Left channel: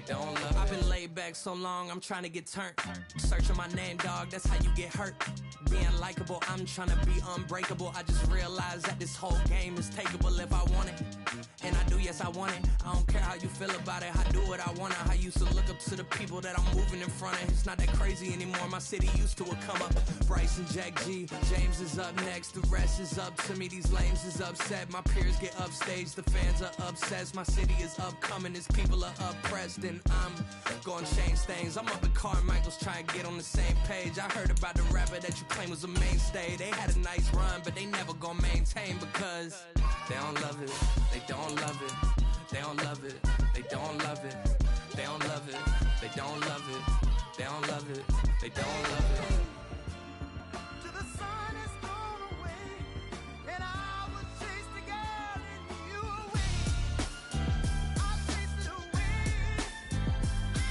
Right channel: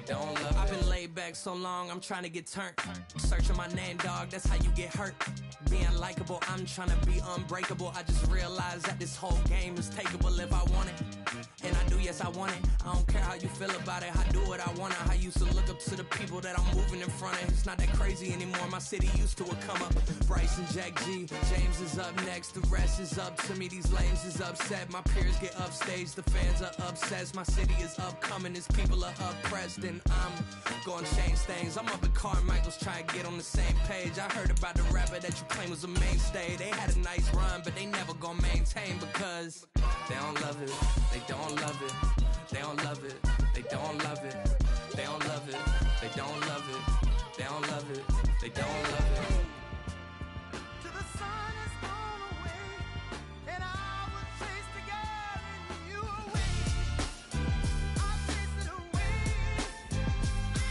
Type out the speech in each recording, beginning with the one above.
they don't love it. I've been laid back so long, I'm trying to get turned. Searching my name, dog, that's how you get hurt. Being likable, I'm trying to be unbreakable. I just realized that this whole game is takeable if I want it. And I do, yes, I want it. I don't care how you feel about it. I do what I want. I used to look up to the people that I'm moving in front of. It's not that crazy anymore. My city used to a come up. Bryce and Jack G. James is up next. The rest is up to me. These lames is upset. My peers get upstaged. The fans are obsessed. My city is upcoming. His people are oppressed. And I'm gonna change things. I'm up at Carmichael's trying to get on the same page. I heard about the rapper that you claim was a mainstay. They had a nice run, but they never gonna maintain because they don't love it. They don't love it. They don't love it. They don't love it. They don't love it. They don't love it. They don't love it. They don't love it. Till the sun has gone away, and I will chase the girl and you away. I'll chase it away.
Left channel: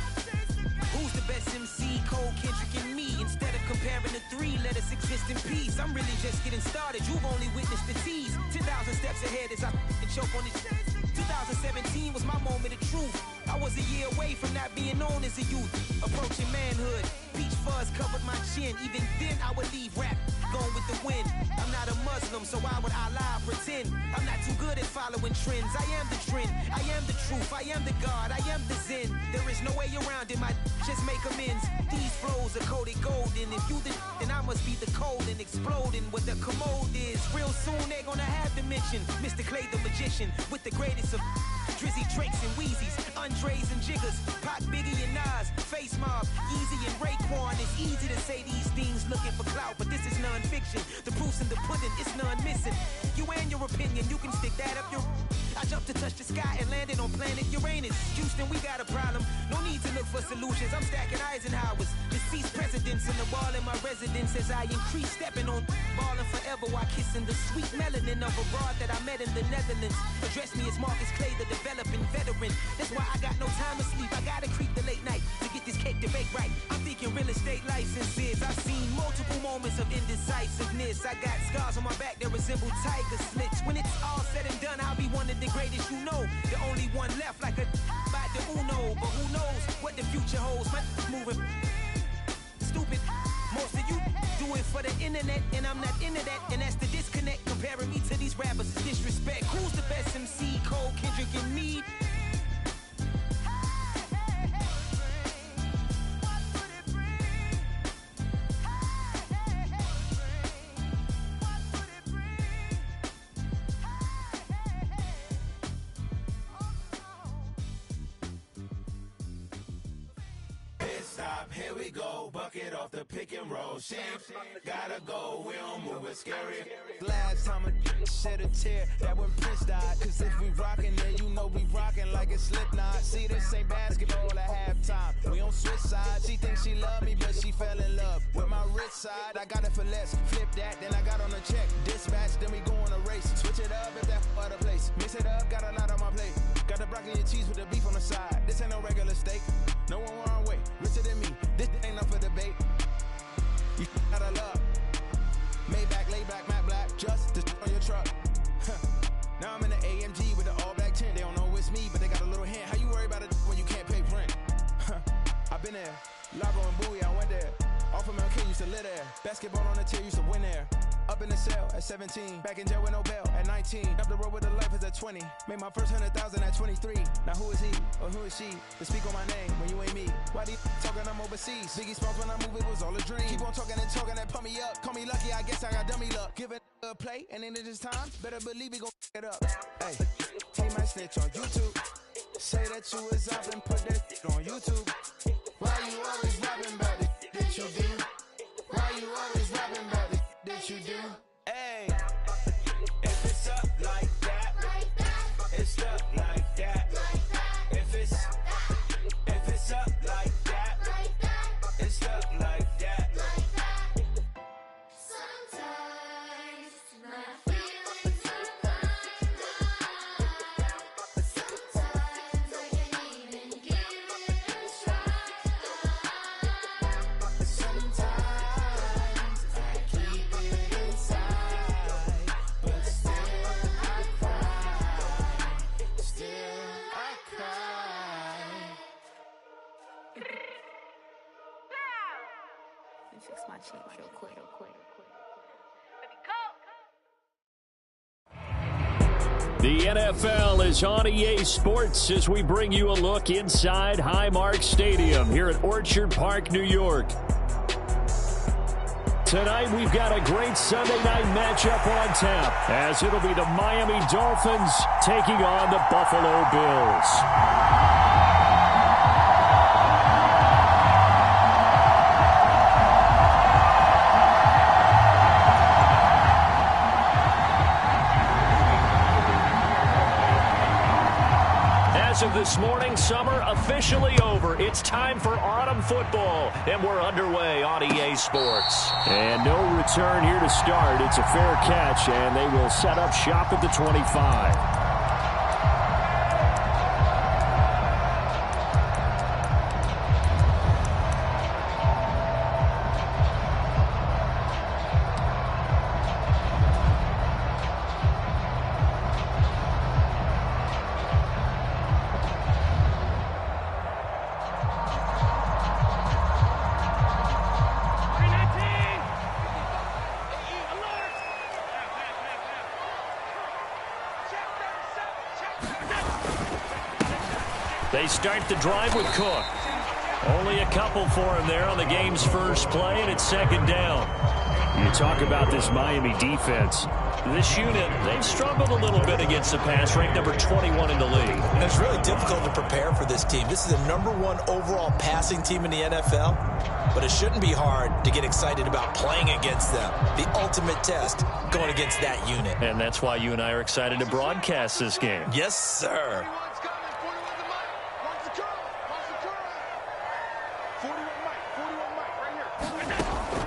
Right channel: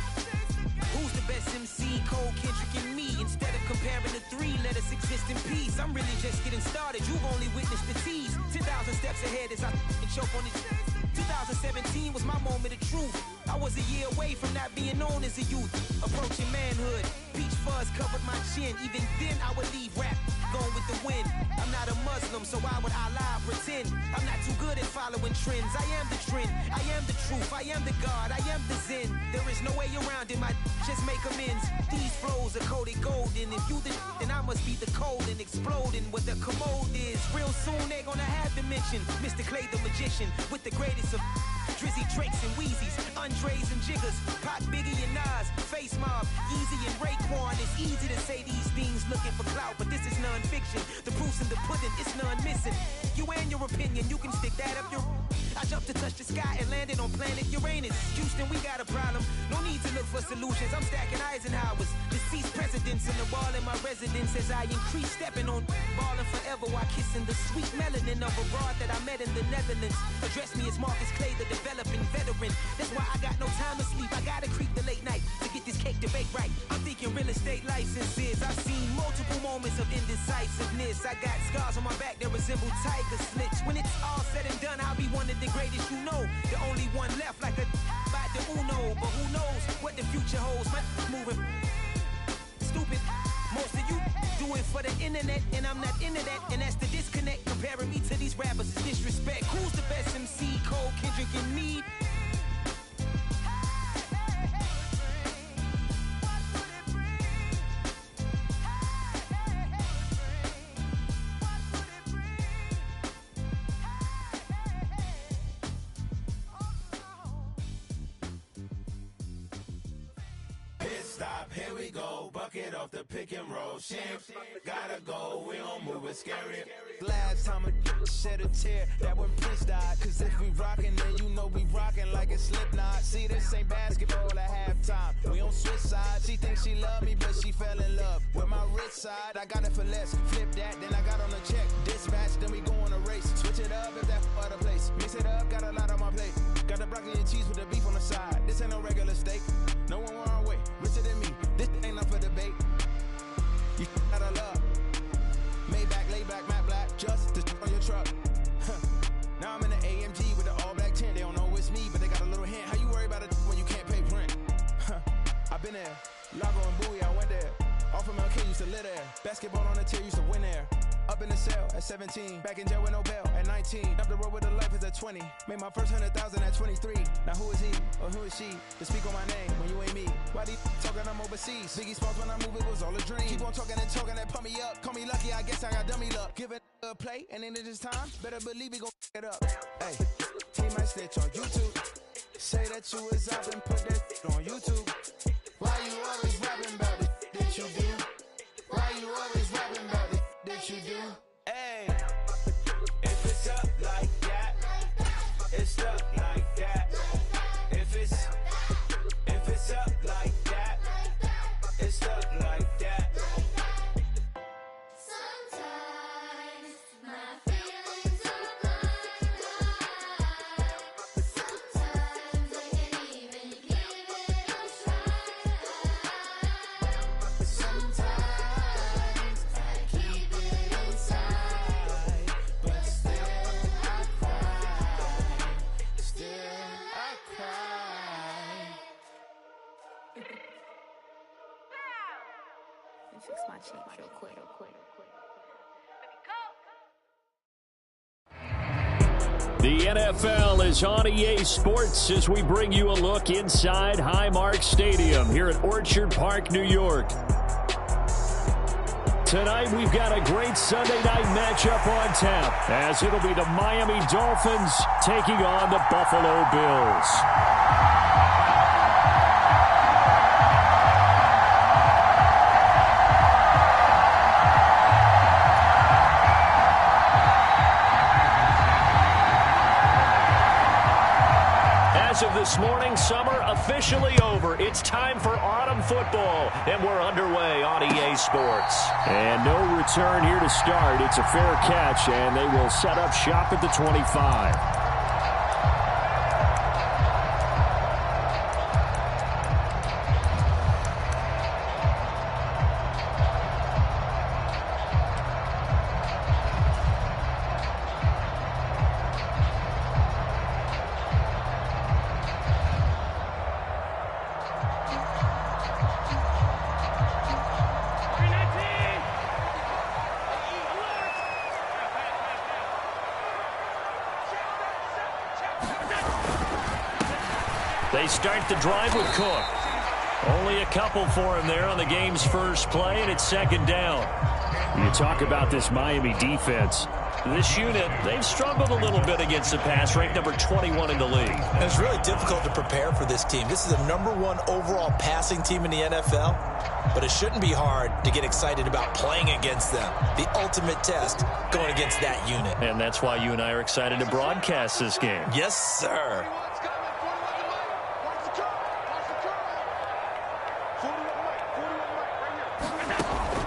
I'll chase the girl. Who's the best MC? Cole, Kendrick, and me. Instead of comparing the three, let us exist in peace. I'm really just getting started. You've only witnessed the tease. 10,000 steps ahead as I choke on it. 2017 was my moment of truth. I was a year away from not being known as a youth. Approaching manhood. Peach fuzz covered my chin. Even then I would leave rap going with the wind. I'm not a Muslim, so why would I lie or pretend? I'm not too good at following trends. I am the trend. I am the truth. I am the God. I am the Zen. There is no way around it. My just make amends. These flows are coated golden. If you the then I must be the cold and exploding what the commode is. Real soon they gonna have to mention Mr. Clay the magician with the greatest of Drizzy, Drakes, and Wheezies, Andres and Jiggers, Pac, Biggie, and Nas, Face Mob, Yeezy, and Raekwon. It's easy to say these things looking for clout, but this is non-fiction. The proof's in the pudding, it's none missing. You and your opinion, you can stick that up your... I jumped to touch the sky and landed on planet Uranus. Houston, we got a problem. No need to look for solutions. I'm stacking Eisenhowers. Deceased presidents in the wall in my residence as I increase stepping on ballin' forever while kissing the sweet melanin of a broad that I met in the Netherlands. Address me as Marcus Clay, the developing veteran. That's why I got no time to sleep. I gotta creep the late night to get this cake to bake right. I'm thinking real estate licenses. I've seen multiple moments of indecisiveness. I got scars on my back that resemble tiger slits. When it's all said and done, I'll be one of the greatest you know. The only one left like a by the Uno. But who knows what the future holds. My moving stupid. Most of you do it for the internet, and I'm not into that. And that's the disconnect. Comparing me to these rappers is disrespect. Who's the best MC? Cole, Kendrick, and me. Here we go, bucket off the pick and roll. Shit, gotta go, we don't move it scary. Last time a shed a tear, that when Prince died. Cause if we rockin', then you know we rockin' like it's Slipknot. See, this ain't basketball at halftime. We on switch sides. She thinks she love me, but she fell in love with my rich side. I got it for less. Flip that, then I got on a check. Dispatch, then we go on a race. Switch it up if that other place. Mix it up, got a lot on my plate. Got the broccoli and cheese with the beef on the side. This ain't no regular steak. No one wrong way, richer than me. This ain't up for debate. You out of luck. Maybach, lay back, matte black, just to on your truck. Now I'm in the AMG with the all black tint. They don't know it's me, but they got a little hint. How you worry about it when you can't pay rent? I've been there. Lago and Bowie, I went there. Off of MLK, used to live there. Basketball on the tier, used to win there. Up in the cell at 17. Back in jail with no bail at 19. Up the road with the life is at 20. Made my first 100,000 at 23. Now who is he or who is she to speak on my name when you ain't me? Why they talking I'm overseas? Biggie Smalls when I move, it was all a dream. Keep on talking and talking and pump me up. Call me lucky, I guess I got dummy luck. Give it a play and then it is time. Better believe we gon' it up. Hey, he might snitch on YouTube. Say that you was up and put that on YouTube. Why you always rapping about it that you do? Why you always rapping about it that you do? Hey, If it's up like that, it's up like that. If it's up like that, it's up like that. Sometimes my feelings are blind. Sometimes I can't even give it a try. Sometimes I keep it inside. Fix my cheek real quick. The NFL is on EA Sports as we bring you a look inside Highmark Stadium here at Orchard Park, New York. Tonight we've got a great Sunday night matchup on tap as it'll be the Miami Dolphins taking on the Buffalo Bills. As of this morning, summer officially over. It's time for autumn football, and we're underway on EA Sports. And no return here to start. It's a fair catch, and they will set up shop at the 25. They start the drive with Cook. Only a couple for him there on the game's first play, and it's second down. You talk about this Miami defense. This unit, they've struggled a little bit against the pass, ranked number 21 in the league. And it's really difficult to prepare for this team. This is the #1 overall passing team in the NFL, but it shouldn't be hard to get excited about playing against them. The ultimate test going against that unit. And that's why you and I are excited to broadcast this game. Yes, sir.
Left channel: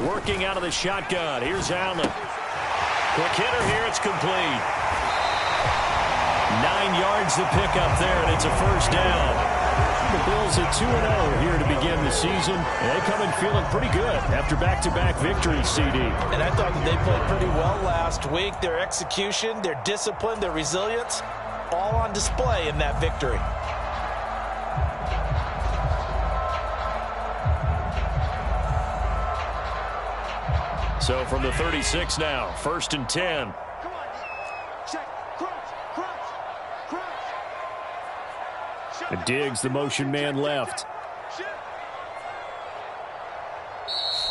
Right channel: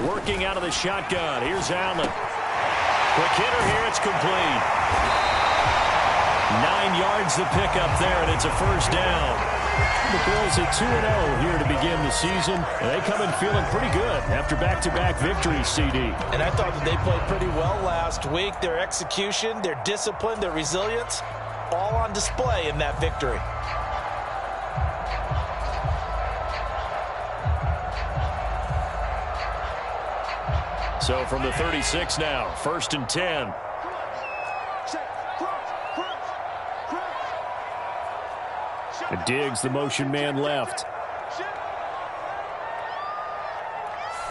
Working out of the shotgun. Here's Allen. Quick hitter here. It's complete. 9 yards to pick up there, and it's a first down. The Bills at 2-0 here to begin the season. And they come in feeling pretty good after back-to-back victories, CD. And I thought that they played pretty well last week. Their execution, their discipline, their resilience, all on display in that victory. So from the 36 now, 1st and 10. Come on, check, crunch. And Diggs, the motion man, left.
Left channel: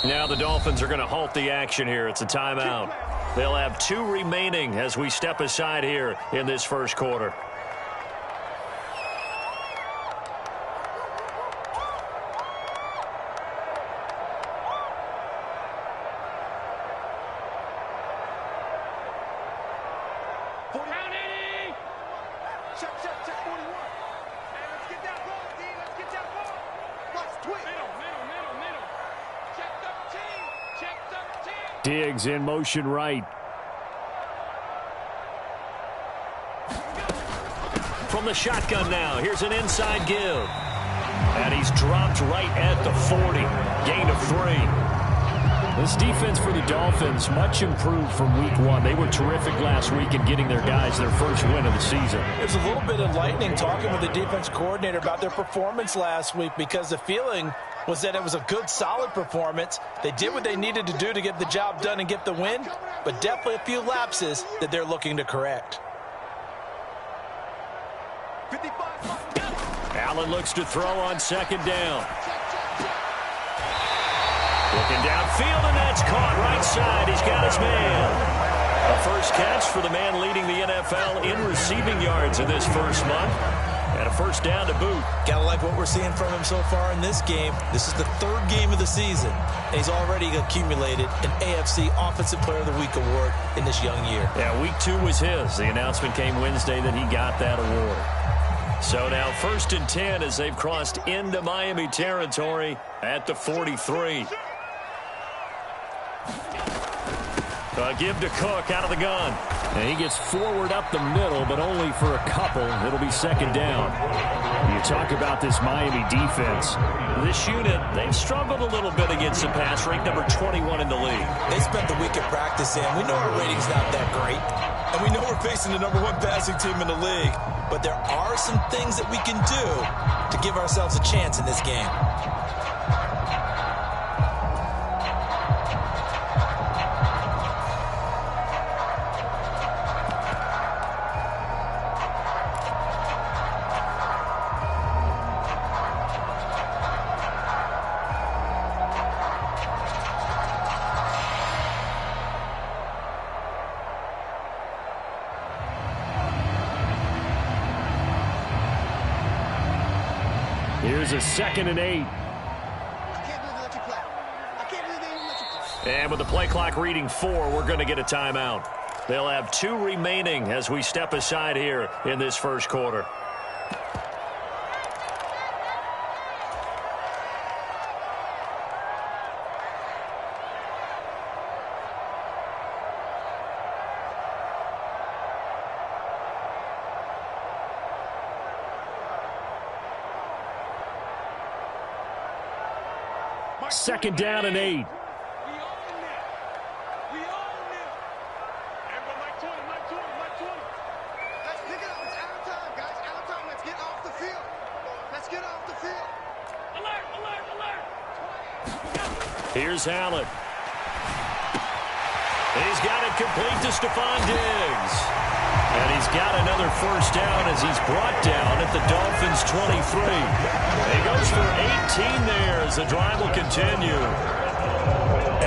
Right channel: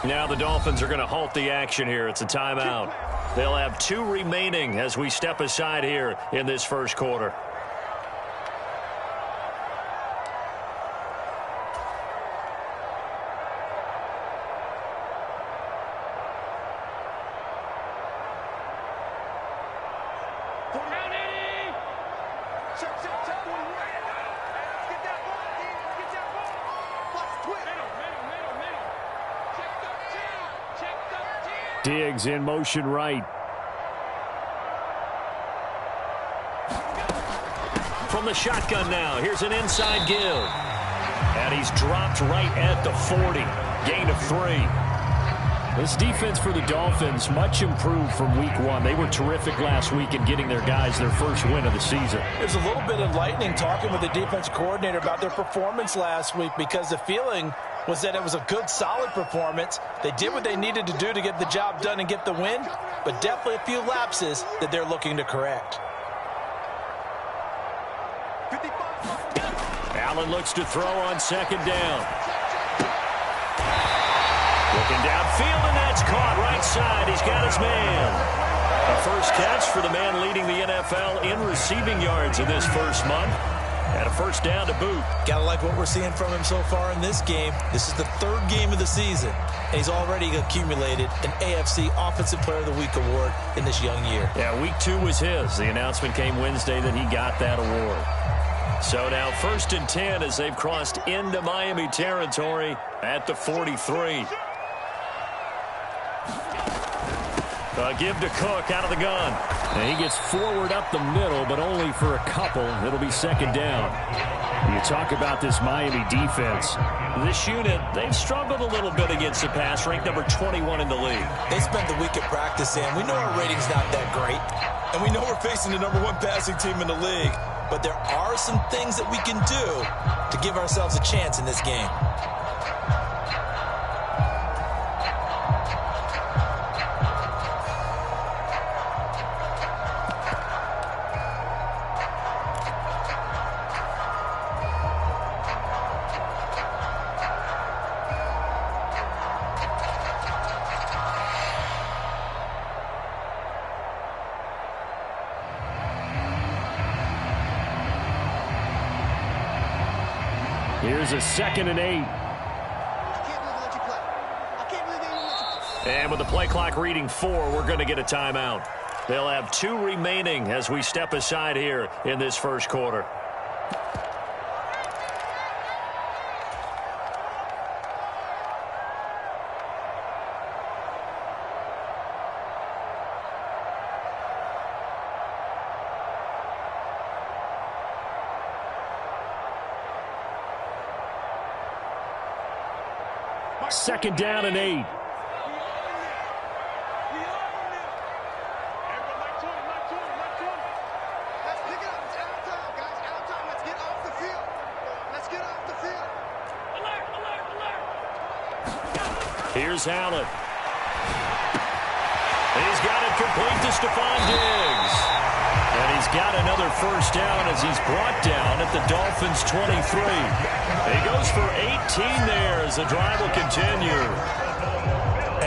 Now the Dolphins are going to halt the action here. It's a timeout. They'll have 2 remaining as we step aside here in this first quarter. Check 41. Hey, let's get that ball, D. Let's get that ball. Watch twist. Middle. Check 13. Diggs in motion right. From the shotgun now, here's an inside give. And he's dropped right at the 40. Gain of 3. This defense for the Dolphins, much improved from week 1. They were terrific last week in getting their guys their first win of the season. It was a little bit enlightening talking with the defense coordinator about their performance last week, because the feeling was that it was a good, solid performance. They did what they needed to do to get the job done and get the win, but definitely a few lapses that they're looking to correct. Allen looks to throw on second down. Looking downfield, and that's caught right side. He's got his man. A first catch for the man leading the NFL in receiving yards in this first month. And a first down to boot. Gotta like what we're seeing from him so far in this game. This is the 3rd game of the season, and he's already accumulated an AFC Offensive Player of the Week award in this young year. Yeah, week 2 was his. The announcement came Wednesday that he got that award. So now 1st and 10 as they've crossed into Miami territory at the 43. Give to Cook out of the gun. And he gets forward up the middle, but only for a couple. It'll be second down. You talk about this Miami defense. This unit, they've struggled a little bit against the pass, ranked number 21 in the league. They spent the week at practice, and we know our rating's not that great. And we know we're facing the #1 passing team in the league. But there are some things that we can do to give ourselves a chance in this game. Here's a 2nd and 8. I can't believe they let you play. I can't believe they even let you play. And with the play clock reading 4, we're going to get a timeout. They'll have 2 remaining as we step aside here in this first quarter. Second down and 8. Let's pick it up. It's out of time, guys. Out of time. Let's get off the field. Let's get off the field. Alert, alert, alert. Here's Allen. He's got it complete to Stephon Diggs. And he's got another first down as he's brought down at the Dolphins' 23. He goes for 18 there as the drive will continue.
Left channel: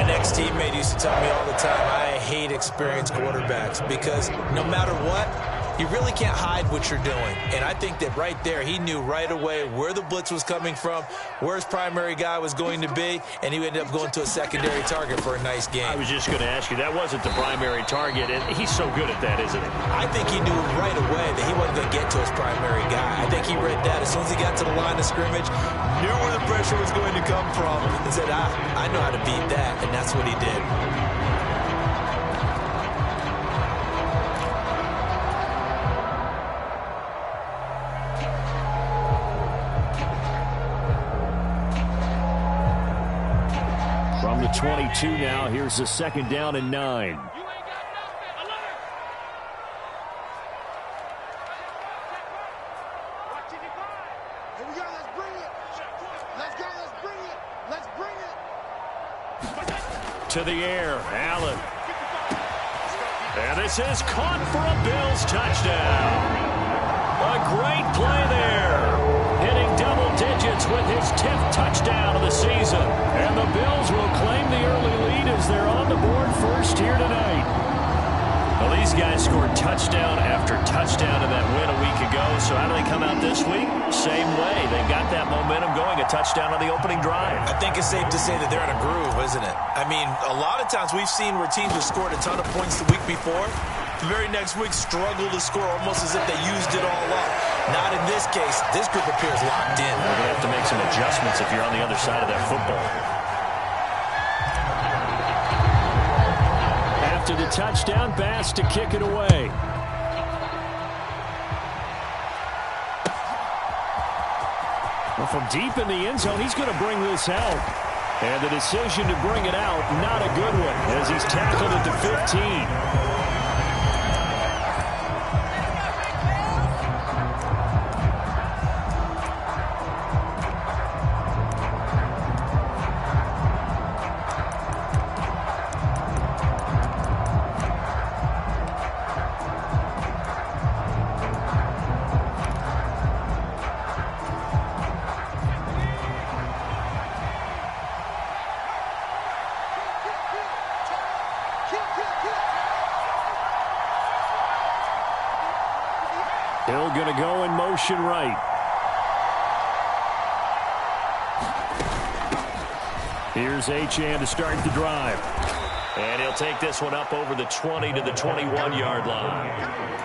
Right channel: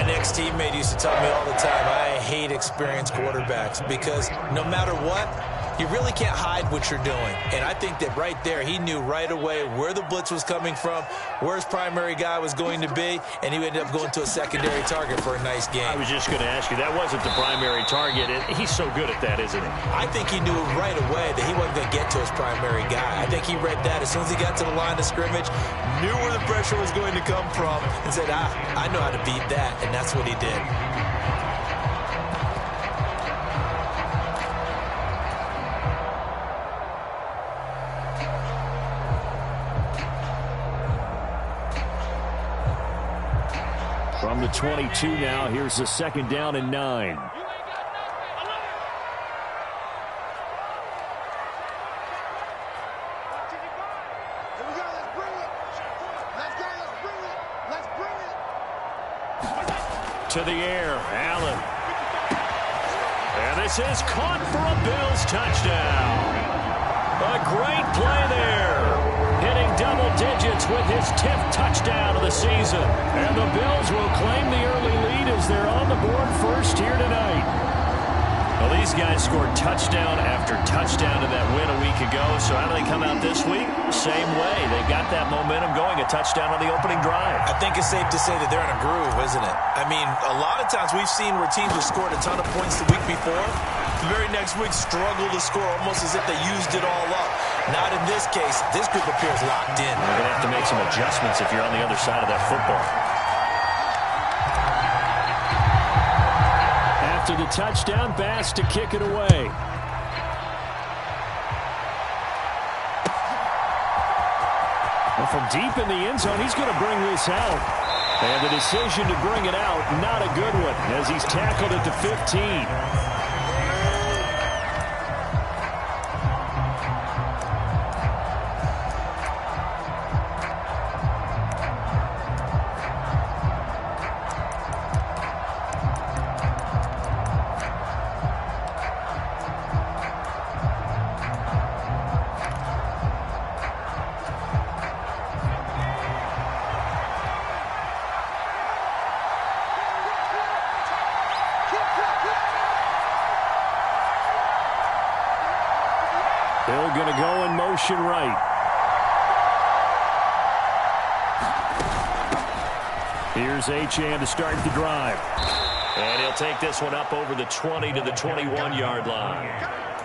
An ex-teammate used to tell me all the time, I hate experienced quarterbacks because no matter what, you really can't hide what you're doing. And I think that right there, he knew right away where the blitz was coming from, where his primary guy was going to be, and he ended up going to a secondary target for a nice game. I was just going to ask you, that wasn't the primary target. He's so good at that, isn't he? I think he knew right away that he wasn't going to get to his primary guy. I think he read that as soon as he got to the line of scrimmage, knew where the pressure was going to come from, and said, I know how to beat that, and that's what he did. From the 22 now, here's the 2nd down and 9. You ain't got nothing. Alert. Watch it, Here we go. Let's bring it. Let's go. Let's bring it. Let's bring it. To the air, Allen. And this is caught for a Bills touchdown. A great play there. Hitting double digits with his 10th touchdown of the season. And the Bills will claim the early lead as they're on the board first here tonight. Well, these guys scored touchdown after touchdown in that win a week ago. So how do they come out this week? Same way. They got that momentum going, a touchdown on the opening drive. I think it's safe to say that they're in a groove, isn't it? I mean, a lot of times we've seen where teams have scored a ton of points the week before. The very next week struggle to score almost as if they used it all up. Not in this case. This group appears locked in. You're going to have to make some adjustments if you're on the other side of that football. After the touchdown, Bass to kick it away. Well, from deep in the end zone, he's going to bring this out. And the decision to bring it out, not a good one, as he's tackled at the 15. Hill going to go in motion right. Here's Achane to start the drive. And he'll take this one up over the 20 to the 21-yard line.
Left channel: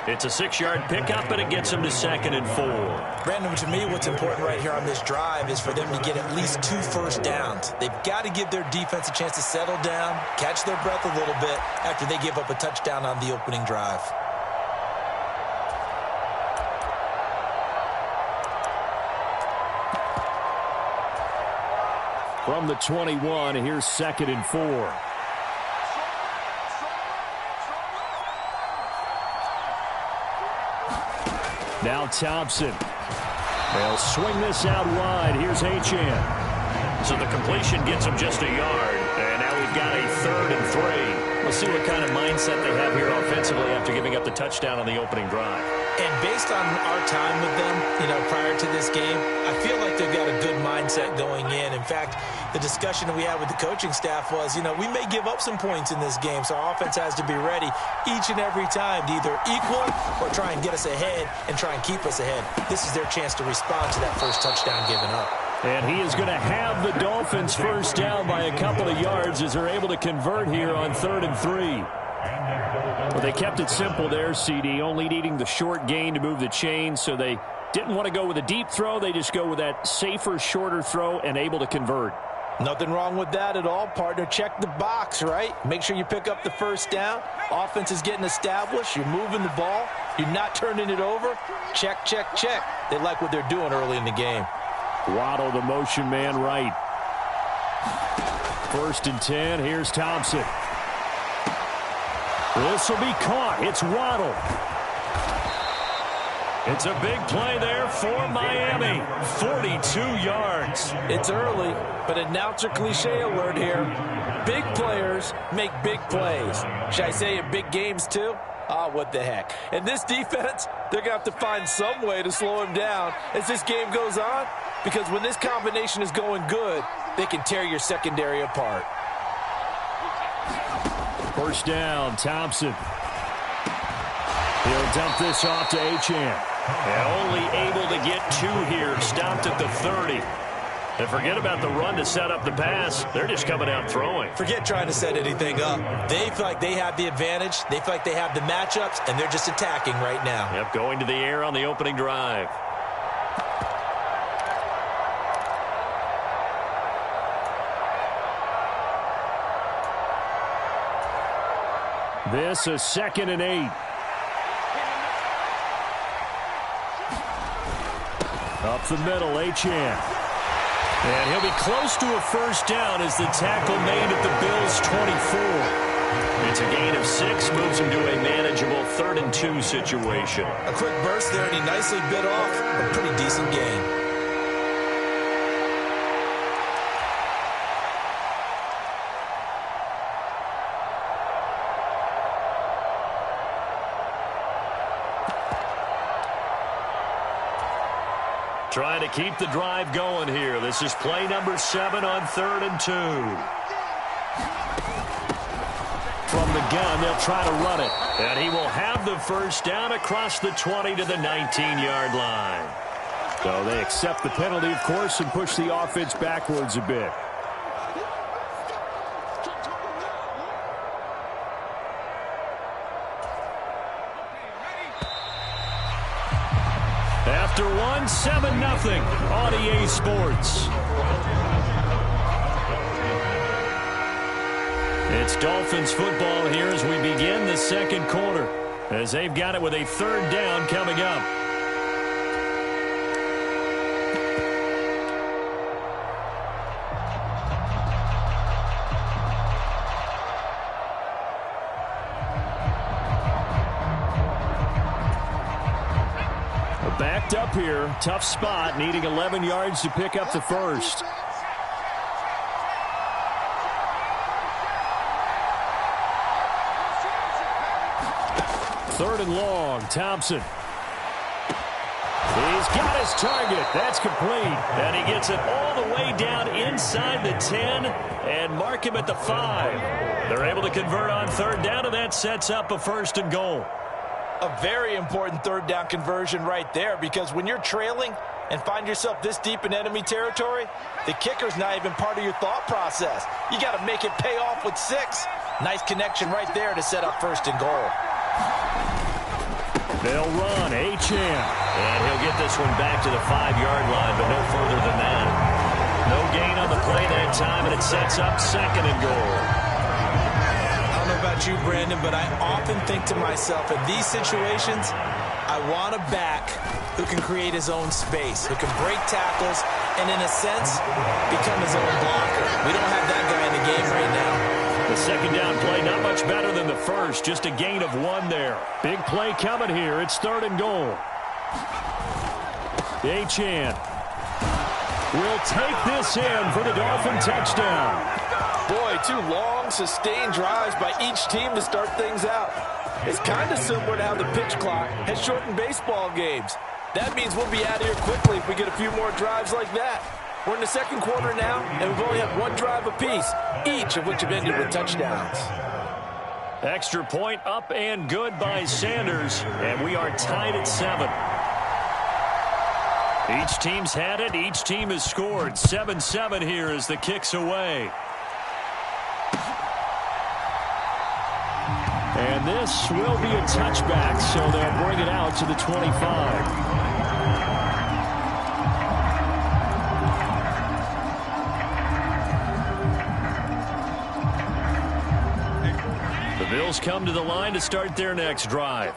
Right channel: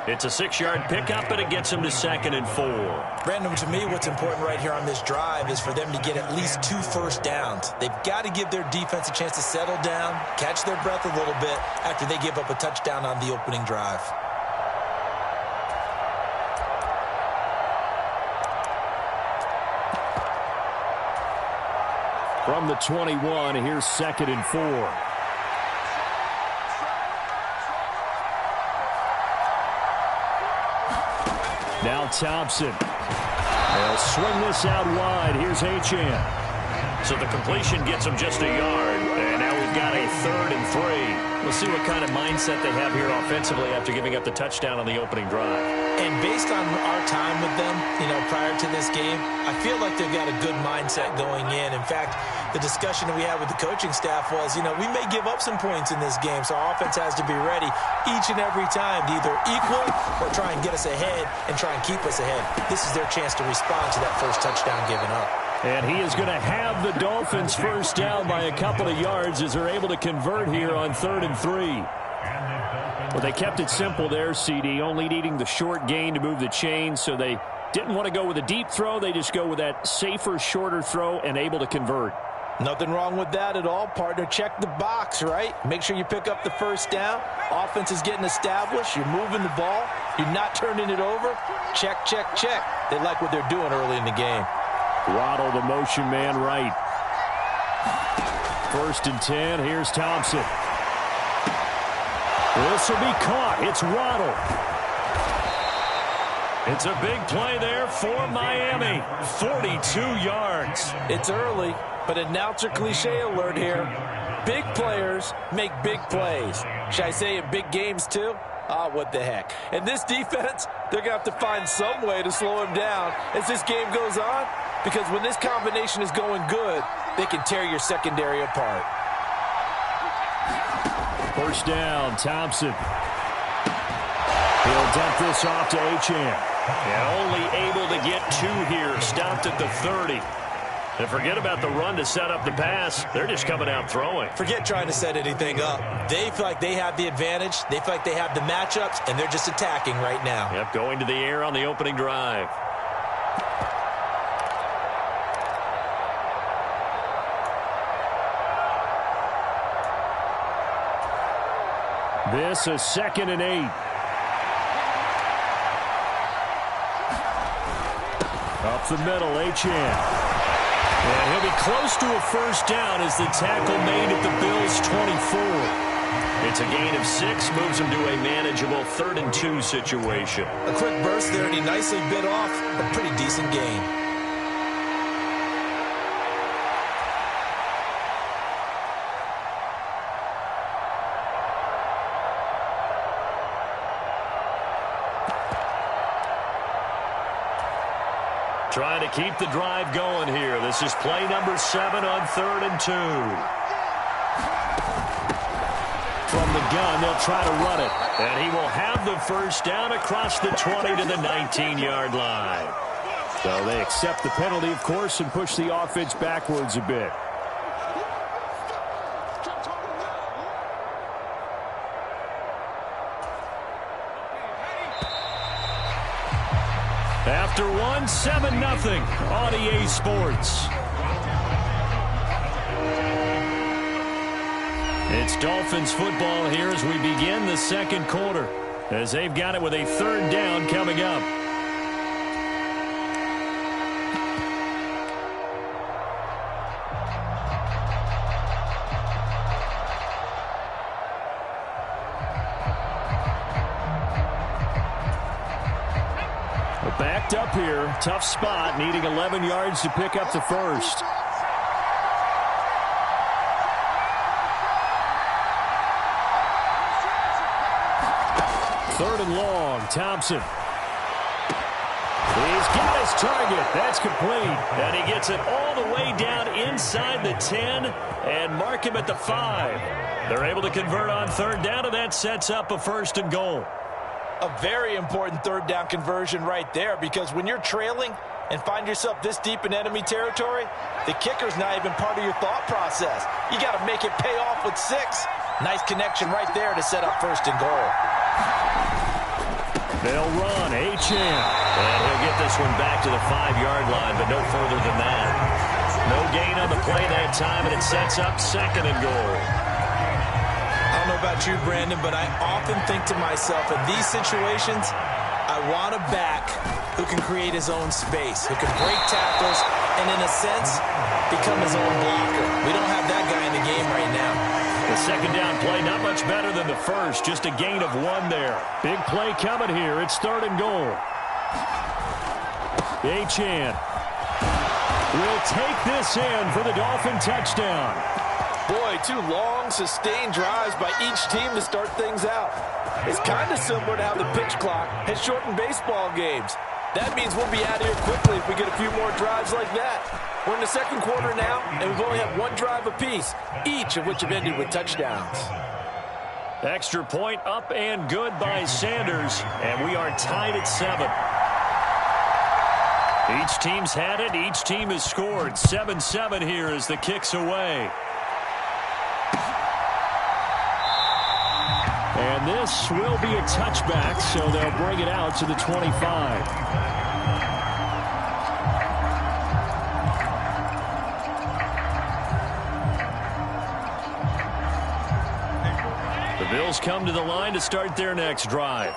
It's a 6-yard pickup, and it gets him to 2nd and 4. Brandon, to me, what's important right here on this drive is for them to get at least 2 first downs. They've got to give their defense a chance to settle down, catch their breath a little bit after they give up a touchdown on the opening drive. From the 21, here's 2nd and 4. Now Thompson. They'll swing this out wide. Here's Achane. So the completion gets them just a yard. And now we've got a 3rd and 3. We'll see what kind of mindset they have here offensively after giving up the touchdown on the opening drive. And based on our time with them, prior to this game, I feel like they've got a good mindset going in. In fact, the discussion that we had with the coaching staff was, we may give up some points in this game, so our offense has to be ready each and every time to either equal or try and get us ahead and try and keep us ahead. This is their chance to respond to that first touchdown given up. And he is going to have the Dolphins first down by a couple of yards as they're able to convert here on 3rd and 3. Well, they kept it simple there, CD, only needing the short gain to move the chains, so they didn't want to go with a deep throw. They just go with that safer, shorter throw and able to convert. Nothing wrong with that at all, partner. Check the box, right? Make sure you pick up the first down. Offense is getting established. You're moving the ball. You're not turning it over. Check, check, check. They like what they're doing early in the game. Waddle, the motion man, right. 1st and 10. Here's Thompson. This will be caught. It's Waddle. It's a big play there for Miami. 42 yards. It's early, but announcer cliche alert here. Big players make big plays. Should I say in big games too? What the heck. And this defense, they're going to have to find some way to slow him down as this game goes on, because when this combination is going good, they can tear your secondary apart. First down, Thompson. He'll dump this off to Achane. And only able to get 2 here. Stopped at the 30. And forget about the run to set up the pass. They're just coming out throwing. Forget trying to set anything up. They feel like they have the advantage. They feel like they have the matchups, and they're just attacking right now. Yep, going to the air on the opening drive. This is 2nd and 8. Up the middle, Achane. And he'll be close to a first down as the tackle made at the Bills' 24. It's a gain of 6, moves him to a manageable 3rd and 2 situation. A quick burst there, and he nicely bit off a pretty decent gain. Trying to keep the drive going here. This is play number 7 on 3rd and 2. From the gun, they'll try to run it. And he will have the first down across the 20 to the 19-yard line. So they accept the penalty, of course, and push the offense backwards a bit. After 1, 7-0 on EA Sports. It's Dolphins football here as we begin the second quarter, as they've got it with a 3rd down coming up. Backed up here, tough spot, needing 11 yards to pick up the first. Third and long, Thompson. He's got his target. That's complete. And he gets it all the way down inside the 10 and mark him at the 5. They're able to convert on 3rd down, and that sets up a 1st and goal. A very important 3rd down conversion right there, because when you're trailing and find yourself this deep in enemy territory, the kicker's not even part of your thought process. You got to make it pay off with 6. Nice connection right there to set up 1st and goal. They'll run, Achane. And he'll get this one back to the 5-yard line, but no further than that. No gain on the play that time, and it sets up 2nd and goal. I don't know about you, Brandon, but I often think to myself, in these situations, I want a back who can create his own space, who can break tackles, and in a sense, become his own blocker. We don't have that guy in the game right now. The 2nd down play, not much better than the first, just a gain of 1 there. Big play coming here. It's 3rd and goal. Achane. will take this in for the Dolphin touchdown. Boy, 2 long, sustained drives by each team to start things out. It's kind of similar to how the pitch clock has shortened baseball games. That means we'll be out of here quickly if we get a few more drives like that. We're in the second quarter now, and we've only had 1 drive apiece, each of which have ended with touchdowns. Extra point up and good by Sanders, and we are tied at 7. Each team's had it. Each team has scored. 7-7 here as the kick's away. And this will be a touchback, so they'll bring it out to the 25. The Bills come to the line to start their next drive.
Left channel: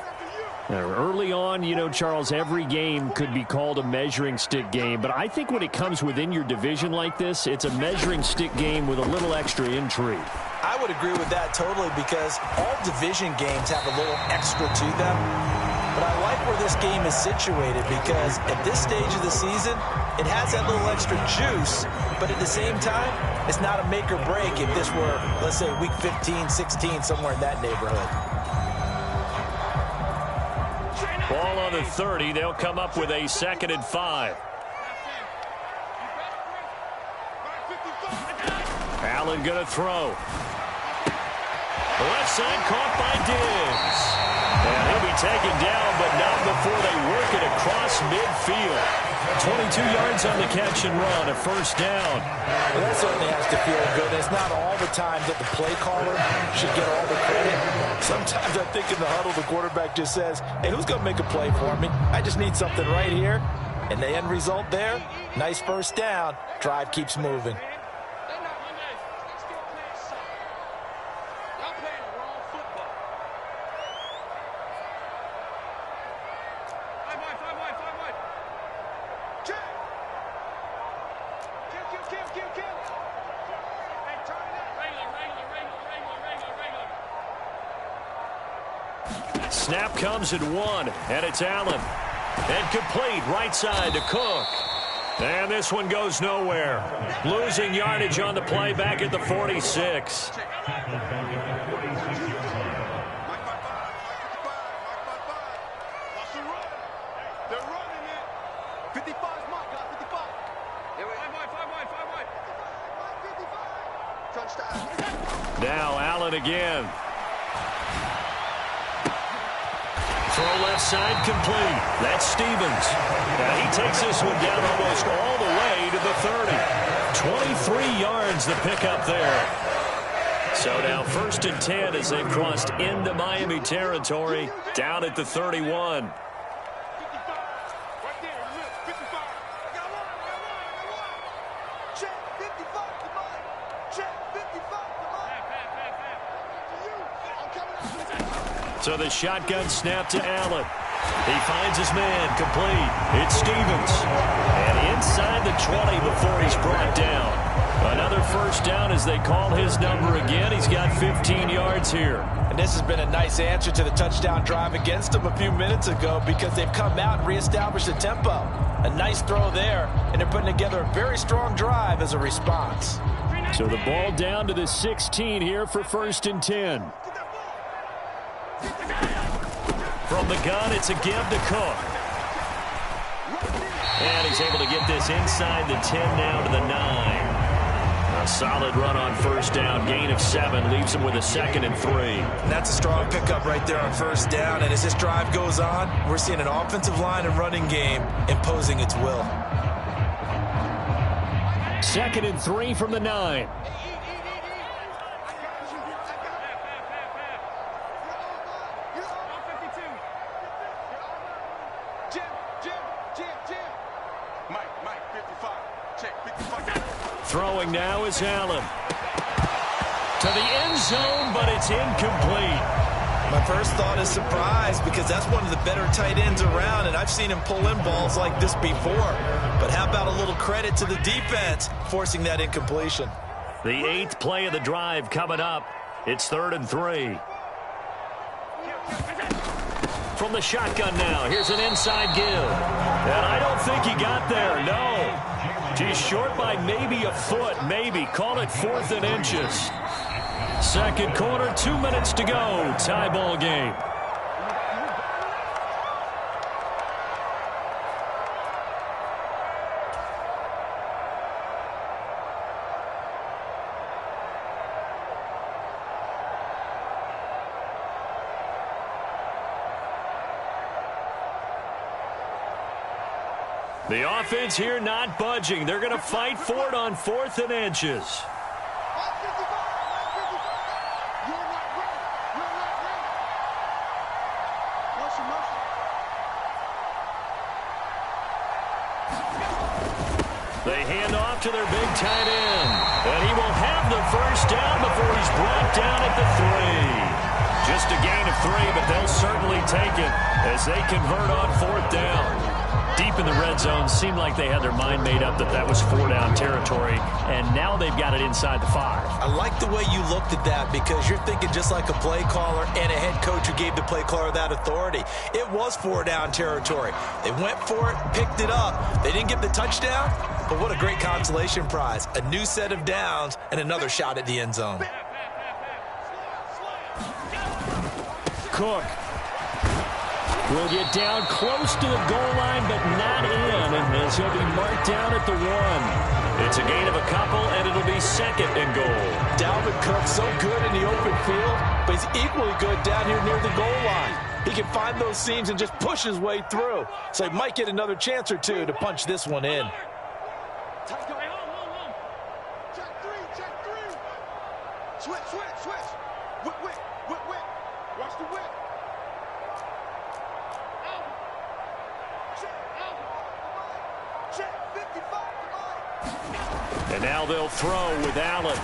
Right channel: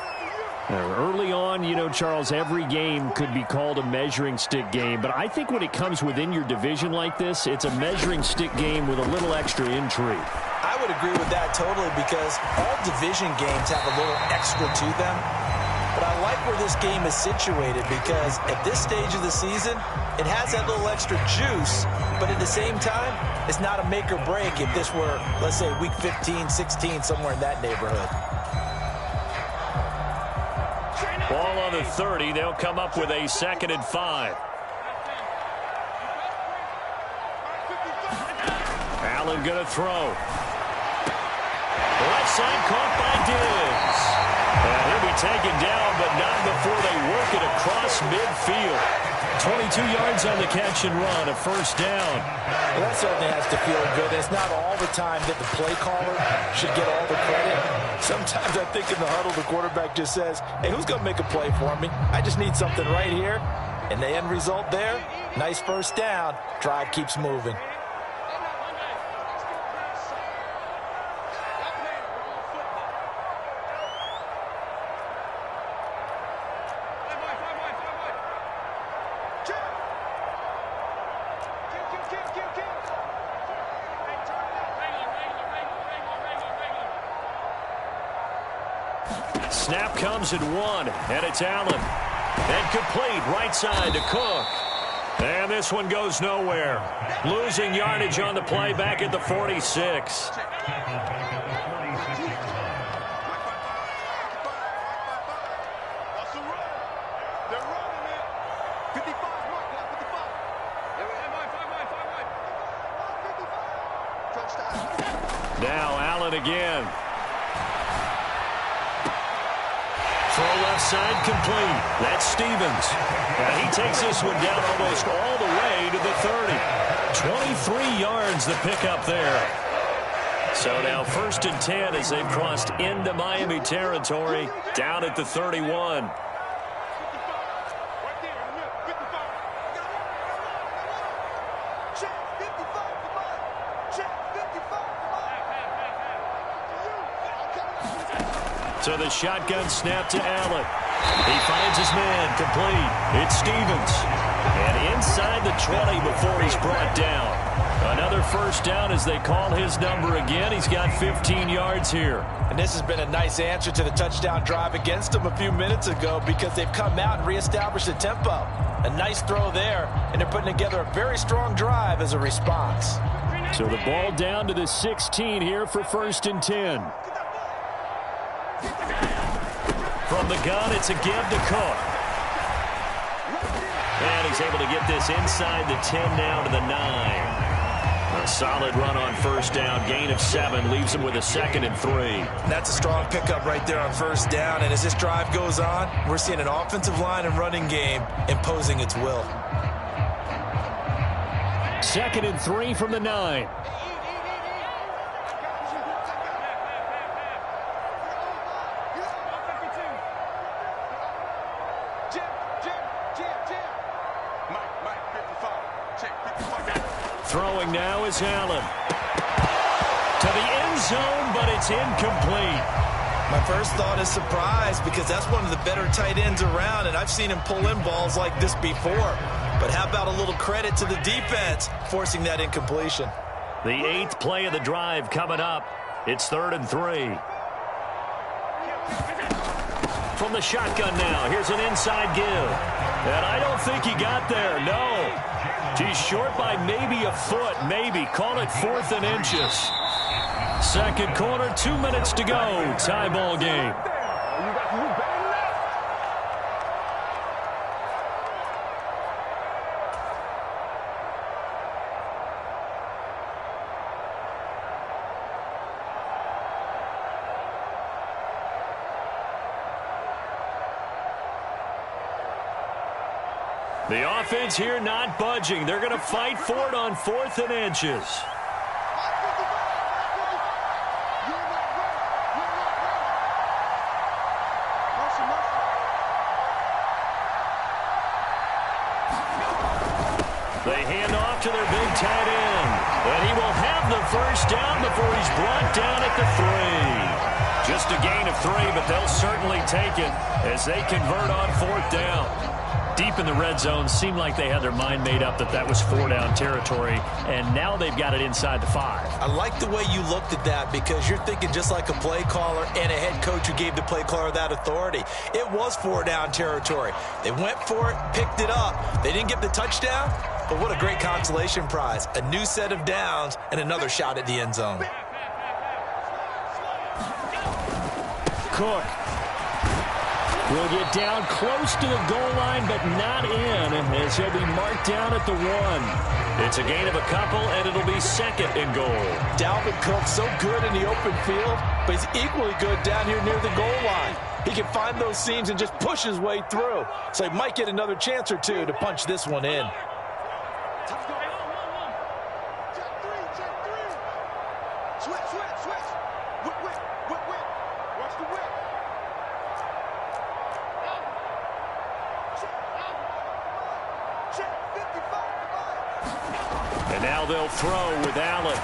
Early on, you know, Charles, every game could be called a measuring stick game, but I think when it comes within your division like this, it's a measuring stick game with a little extra intrigue. I would agree with that totally, because all division games have a little extra to them. But I like where this game is situated, because at this stage of the season, it has that little extra juice, but at the same time, it's not a make or break if this were, let's say, week 15, 16, somewhere in that neighborhood. Ball on the 30. They'll come up with a 2nd and 5. Allen going to throw. Left side caught by Diggs. And he'll be taken down, but not before they work it across midfield. 22 yards on the catch and run, a 1st down. Well, that certainly has to feel good. It's not all the time that the play caller should get all the credit. Sometimes I think in the huddle, the quarterback just says, hey, who's going to make a play for me? I just need something right here. And the end result there, nice 1st down. Drive keeps moving. Snap comes at 1, and it's Allen. And complete right side to Cook. And this one goes nowhere. Losing yardage on the play back at the 46. Now Allen again. Throw left side complete. That's Stevens. And he takes this one down almost all the way to the 30. 23 yards the pickup there. So now 1st and 10 as they've crossed into Miami territory, down at the 31. So the shotgun snap to Allen. He finds his man, complete. It's Stevens. And inside the 20 before he's brought down. Another 1st down as they call his number again. He's got 15 yards here. And this has been a nice answer to the touchdown drive against them a few minutes ago, because they've come out and reestablished the tempo. A nice throw there, and they're putting together a very strong drive as a response. So the ball down to the 16 here for 1st and 10. From the gun, it's a give to Cook. And he's able to get this inside the 10 now to the 9. A solid run on 1st down. Gain of 7 leaves him with a 2nd and 3. And that's a strong pickup right there on 1st down. And as this drive goes on, we're seeing an offensive line and running game imposing its will. 2nd and 3 from the 9. Throwing now is Allen. To the end zone, but it's incomplete. My first thought is surprise, because that's one of the better tight ends around, and I've seen him pull in balls like this before. But how about a little credit to the defense forcing that incompletion? The 8th play of the drive coming up. It's 3rd and 3. From the shotgun now, here's an inside give. And I don't think he got there, no. He's short by maybe a foot, maybe. Call it 4th and inches. Second quarter, 2 minutes to go. Tie ball game. The offense here not budging. They're going to fight for it on 4th and inches. They hand off to their big tight end. And he will have the first down before he's brought down at the 3. Just a gain of 3, but they'll certainly take it as they convert on 4th down. Deep in the red zone, seemed like they had their mind made up that that was 4-down territory, and now they've got it inside the 5. I like the way you looked at that because you're thinking just like a play caller and a head coach who gave the play caller that authority. It was 4-down territory. They went for it, picked it up. They didn't get the touchdown, but what a great consolation prize. A new set of downs and another shot at the end zone. Cook will get down close to the goal line, but not in, as he'll be marked down at the 1. It's a gain of a couple, and it'll be 2nd and goal. Dalvin Cook so good in the open field, but he's equally good down here near the goal line. He can find those seams and just push his way through. So he might get another chance or two to punch this one in. Switch. Whip. Watch the whip. And now they'll throw with Allen.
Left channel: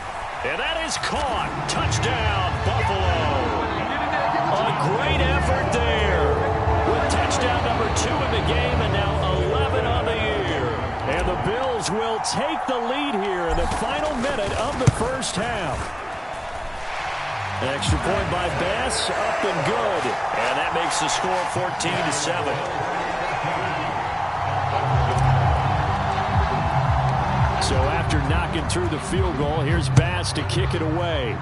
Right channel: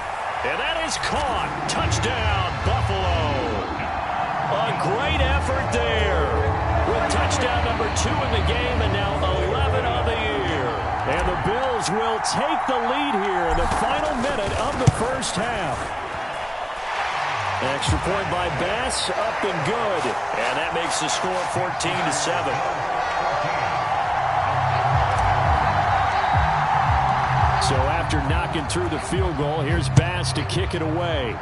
And that is caught. Touchdown, Buffalo. A great effort there. With touchdown number 2 in the game and now 11 on the year. And the Bills will take the lead here in the final minute of the first half. Extra point by Bass, up and good. And that makes the score 14-7. So after knocking through the field goal, here's Bass to kick it away.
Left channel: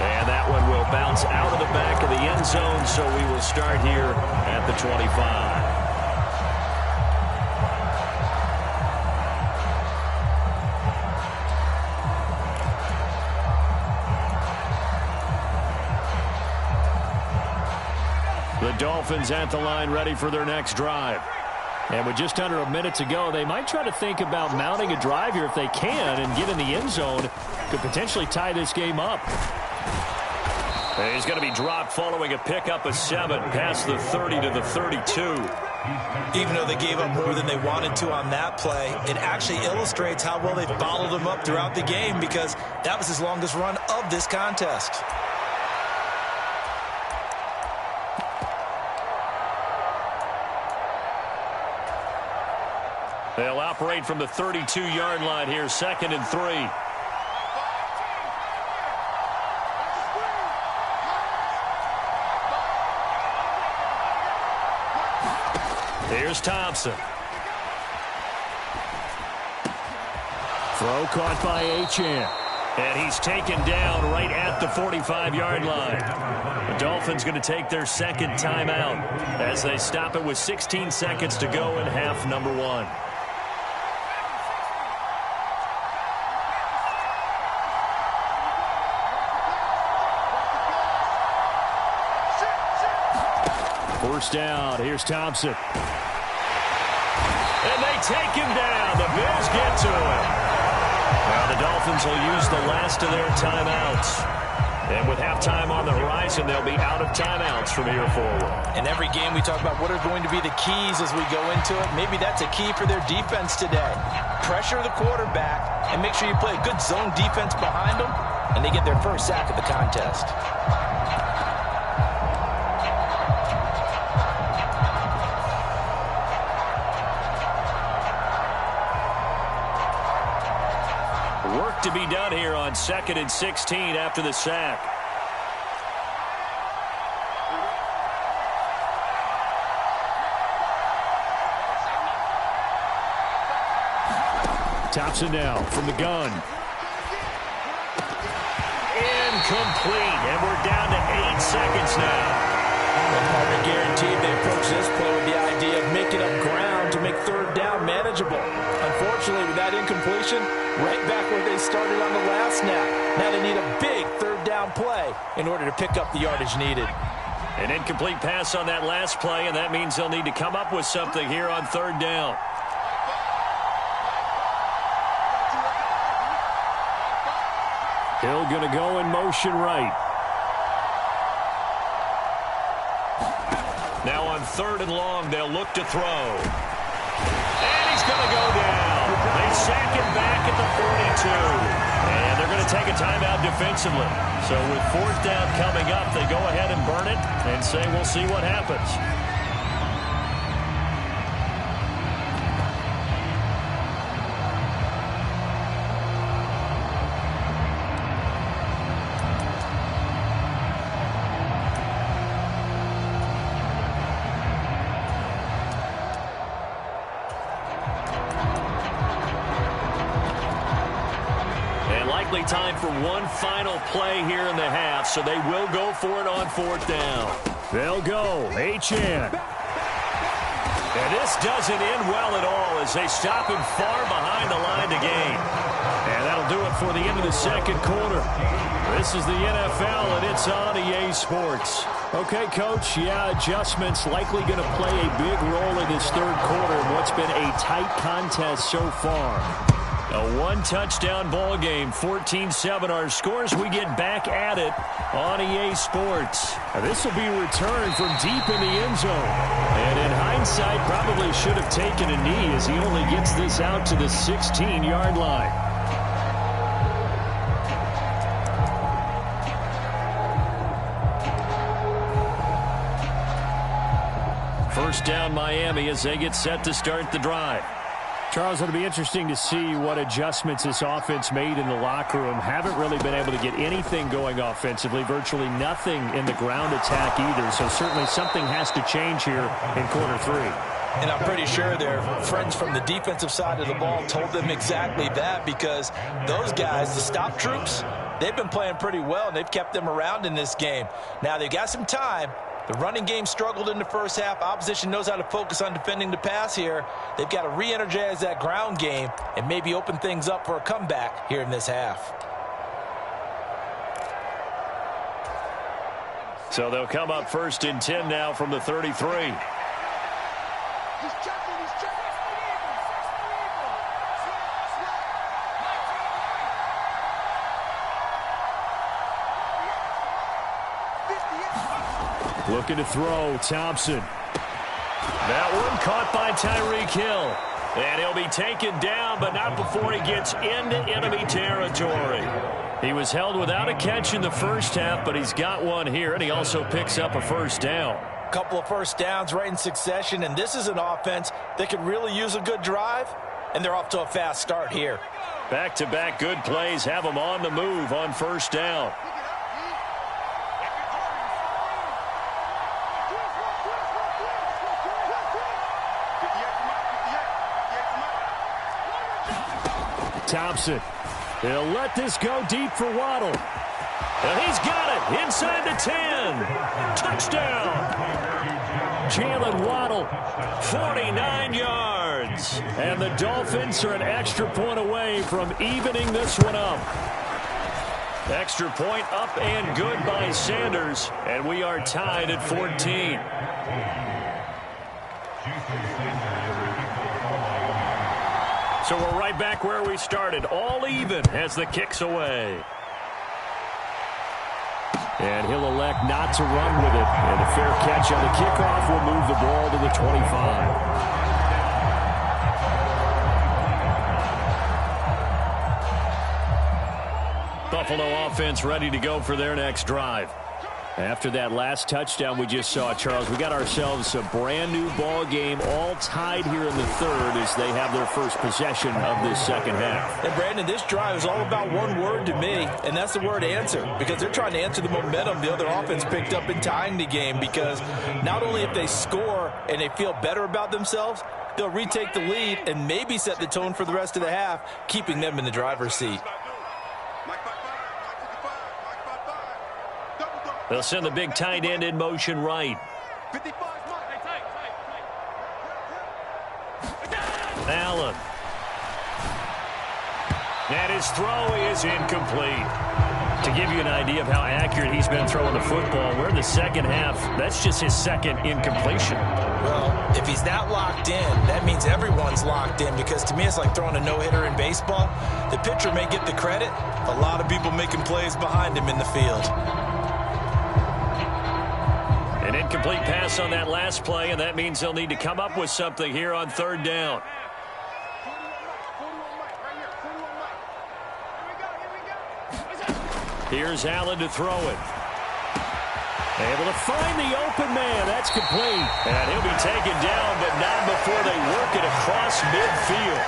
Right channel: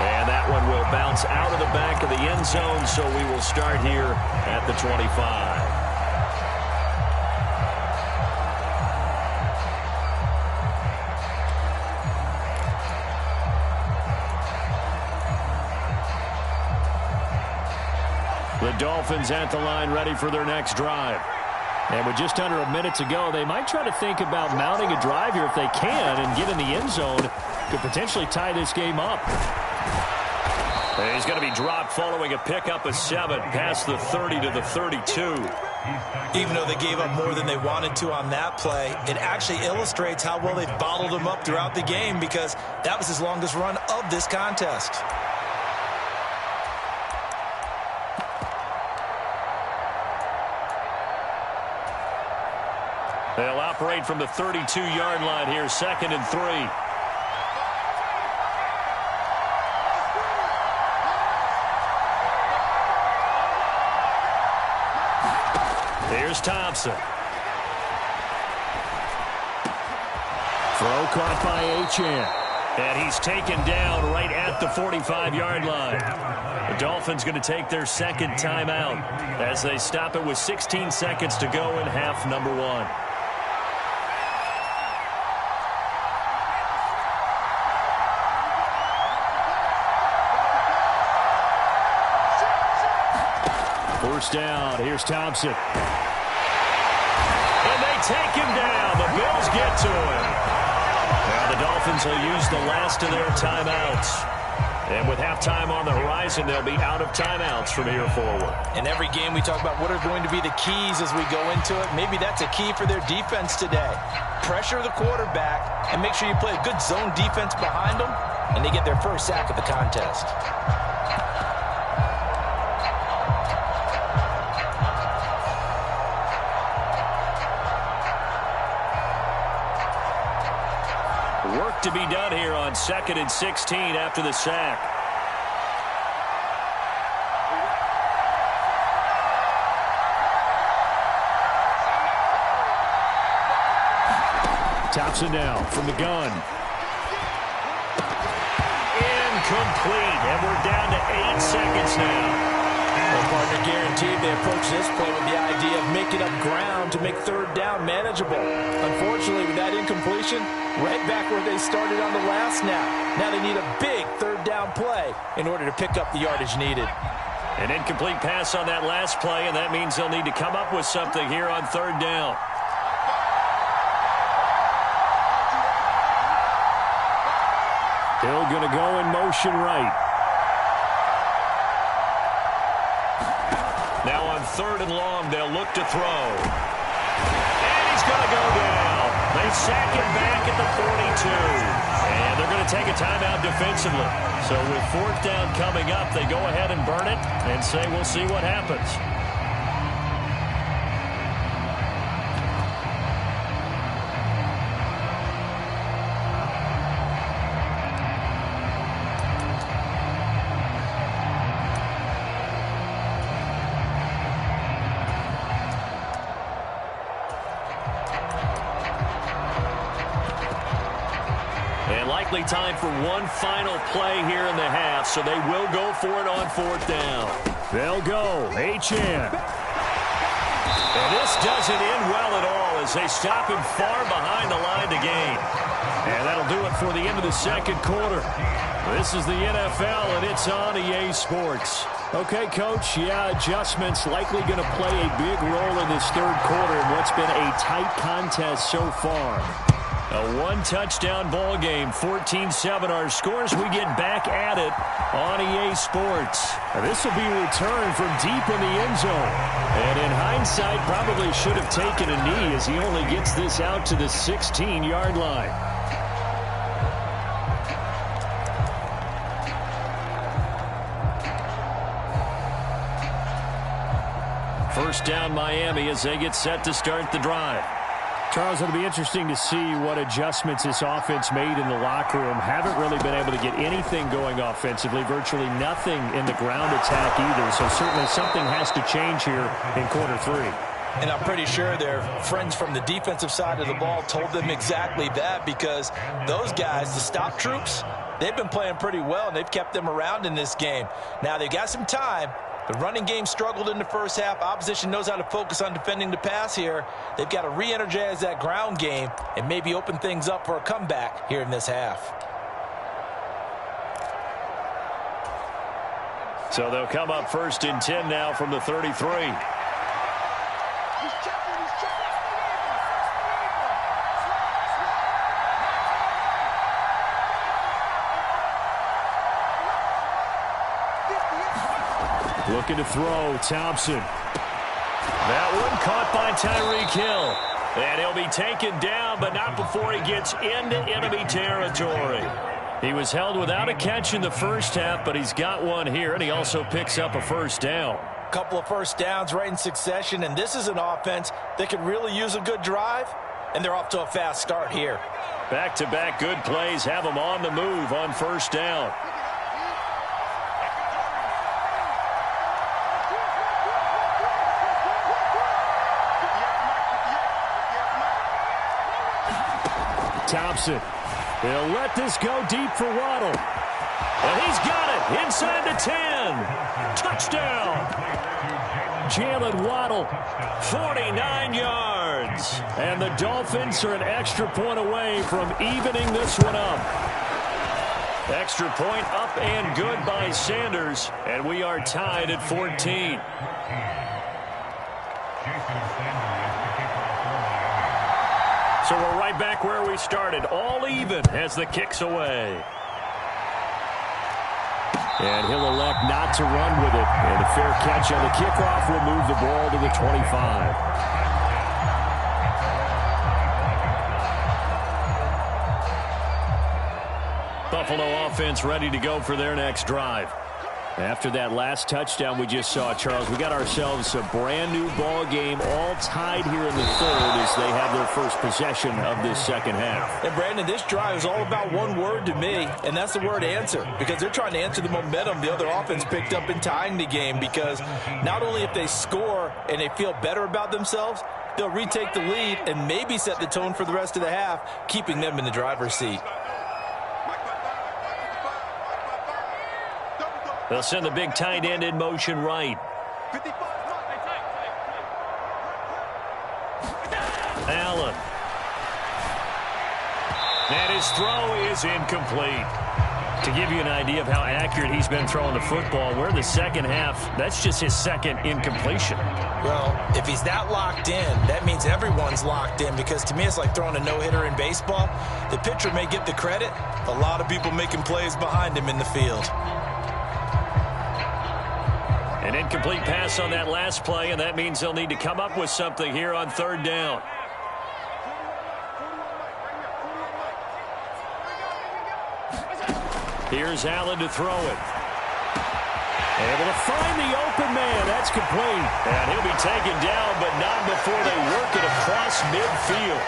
And that one will bounce out of the back of the end zone, so we will start here at the 25. The Dolphins at the line, ready for their next drive. And with just under a minute to go, they might try to think about mounting a drive here if they can and get in the end zone. Could potentially tie this game up. And he's going to be dropped following a pickup of 7 past the 30 to the 32. Even though they gave up more than they wanted to on that play, it actually illustrates how well they've bottled them up throughout the game because that was his longest run of this contest. They'll operate from the 32-yard line here, 2nd and 3. Here's Thompson. Throw caught by Achane. And he's taken down right at the 45-yard line. The Dolphins going to take their second timeout as they stop it with 16 seconds to go in half number 1. First down. Here's Thompson. And they take him down. The Bills get to him. Now the Dolphins will use the last of their timeouts. And with halftime on the horizon, they'll be out of timeouts from here forward. In every game, we talk about what are going to be the keys as we go into it. Maybe that's a key for their defense today. Pressure the quarterback and make sure you play a good zone defense behind them, and they get their first sack of the contest. Work to be done here on 2nd and 16 after the sack. Thompson now from the gun. Incomplete, and we're down to 8 seconds now. Well, partner, guaranteed they approach this play with the idea of making up ground to make third down manageable. Unfortunately, with that incompletion, right back where they started on the last snap. Now they need a big third down play in order to pick up the yardage needed. An incomplete pass on that last play, and that means they'll need to come up with something here on third down. Hill going to go in motion right. Now on 3rd and long, they'll look to throw. And he's going to go down. They sack him back at the 42. And they're going to take a timeout defensively. So with 4th down coming up, they go ahead and burn it and say we'll see what happens. Likely time for one final play here in the half, so they will go for it on 4th down. They'll go. Achane. And this doesn't end well at all as they stop him far behind the line to gain. And that'll do it for the end of the 2nd quarter. This is the NFL, and it's on EA Sports. Okay, Coach, yeah, adjustments likely going to play a big role in this 3rd quarter in what's been a tight contest so far. A one-touchdown ball game, 14-7 our scores. We get back at it on EA Sports. This will be returned from deep in the end zone. And in hindsight, probably should have taken a knee as he only gets this out to the 16-yard line. First down Miami as they get set to start the drive. Charles, it'll be interesting to see what adjustments this offense made in the locker room. Haven't really been able to get anything going offensively, virtually nothing in the ground attack either. So certainly something has to change here in quarter 3. And I'm pretty sure their friends from the defensive side of the ball told them exactly that, because those guys, the stop troops, they've been playing pretty well, and they've kept them around in this game. Now they've got some time. The running game struggled in the first half. Opposition knows how to focus on defending the pass here. They've got to re-energize that ground game and maybe open things up for a comeback here in this half. So they'll come up 1st and 10 now from the 33. Looking to throw, Thompson. That one caught by Tyreek Hill. And he'll be taken down, but not before he gets into enemy territory. He was held without a catch in the first half, but he's got one here, and he also picks up a 1st down. Couple of first downs right in succession, and this is an offense that could really use a good drive, and they're off to a fast start here. Back-to-back good plays have them on the move on 1st down. Thompson. He'll let this go deep for Waddle. And he's got it inside the 10. Touchdown. Jalen Waddle, 49 yards. And the Dolphins are an extra point away from evening this one up. Extra point up and good by Sanders. And we are tied at 14. So we're right back where we started, all even as the kick's away. And he'll elect not to run with it. And a fair catch on the kickoff will move the ball to the 25. Buffalo offense ready to go for their next drive. After that last touchdown we just saw, Charles, we got ourselves a brand new ball game, all tied here in the third as they have their first possession of this second half. And Brandon, this drive is all about one word to me, and that's the word answer, because they're trying to answer the momentum the other offense picked up in tying the game, because not only if they score and they feel better about themselves, they'll retake the lead and maybe set the tone for the rest of the half, keeping them in the driver's seat. They'll send the big tight end in motion right. Allen. And his throw is incomplete. To give you an idea of how accurate he's been throwing the football, we're in the second half. That's just his second incompletion. Well, if he's that locked in, that means everyone's locked in, because to me it's like throwing a no-hitter in baseball. The pitcher may get the credit. A lot of people making plays behind him in the field. An incomplete pass on that last play, and that means they'll need to come up with something here on third down. Here's Allen to throw it. Able to find the open man. That's complete. And he'll be taken down, but not before they work it across midfield.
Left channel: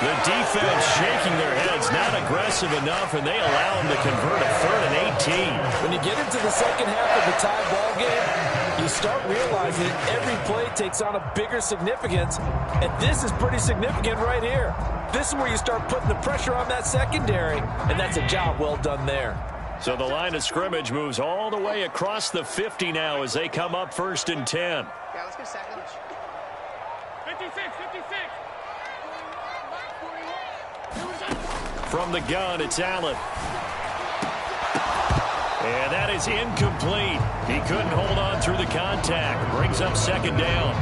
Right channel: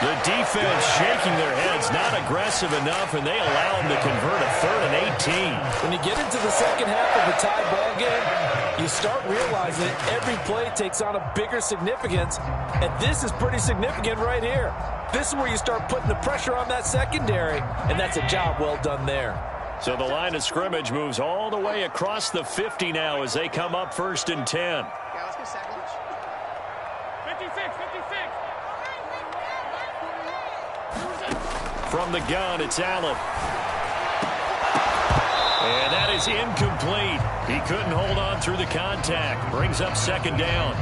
The defense shaking their heads, not aggressive enough, and they allow him to convert a 3rd and 18. When you get into the second half of a tie ball game, you start realizing that every play takes on a bigger significance, and this is pretty significant right here. This is where you start putting the pressure on that secondary, and that's a job well done there. So the line of scrimmage moves all the way across the 50 now as they come up 1st and 10. Yeah, let's get sack lunch. 56. From the gun, it's Allen. And that is incomplete. He couldn't hold on through the contact. Brings up 2nd down.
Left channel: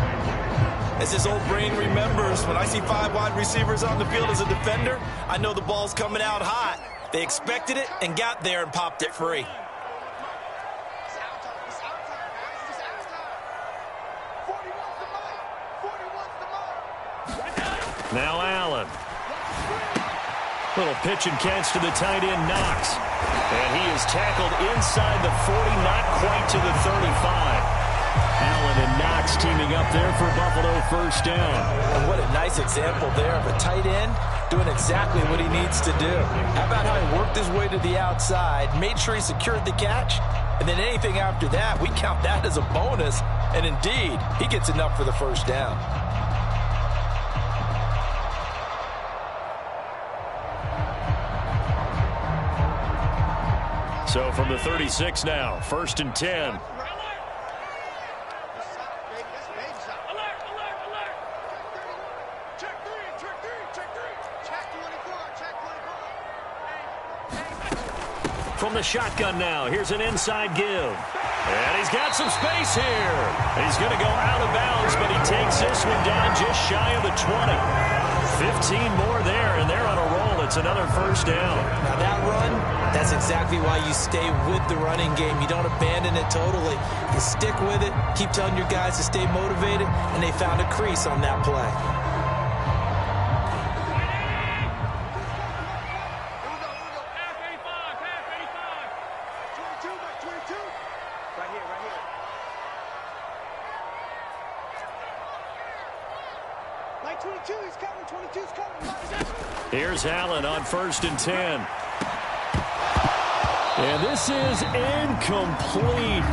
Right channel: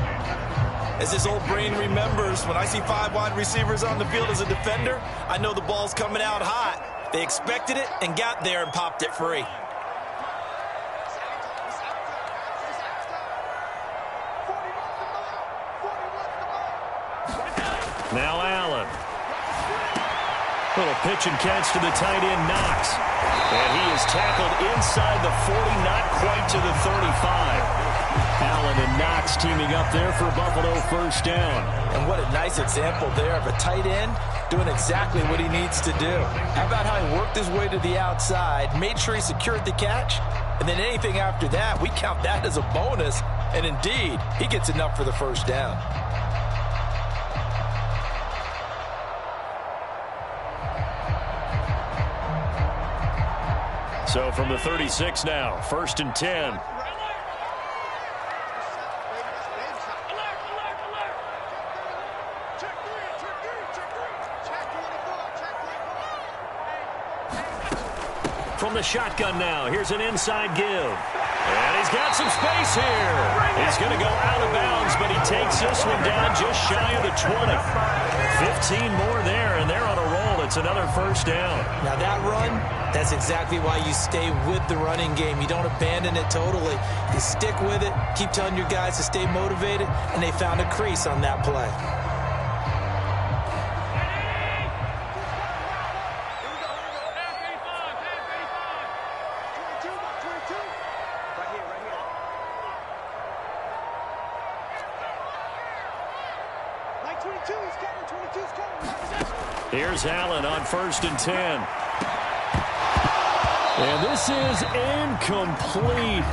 As his old brain remembers, when I see 5 wide receivers on the field as a defender, I know the ball's coming out hot. They expected it and got there and popped it free. Now Allen. Little pitch and catch to the tight end, Knox. And he is tackled inside the 40, not quite to the 35. Allen and Knox teaming up there for Buffalo 1st down. And what a nice example there of a tight end doing exactly what he needs to do. How about how he worked his way to the outside, made sure he secured the catch, and then anything after that, we count that as a bonus. And indeed, he gets enough for the 1st down. So from the 36 now, 1st and 10. From the shotgun now, here's an inside give. And he's got some space here. He's going to go out of bounds, but he takes this one down just shy of the 20. 15 more there, and they're on a roll. It's another 1st down. Now that run, that's exactly why you stay with the running game. You don't abandon it totally. You stick with it, keep telling your guys to stay motivated, and they found a crease on that play. Here's Allen on 1st and 10. And this is incomplete.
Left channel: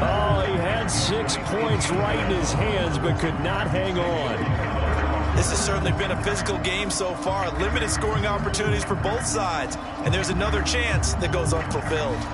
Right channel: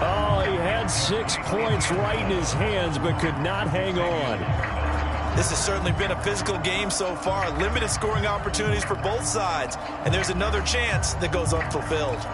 Oh, he had 6 points right in his hands, but could not hang on. This has certainly been a physical game so far. Limited scoring opportunities for both sides. And there's another chance that goes unfulfilled.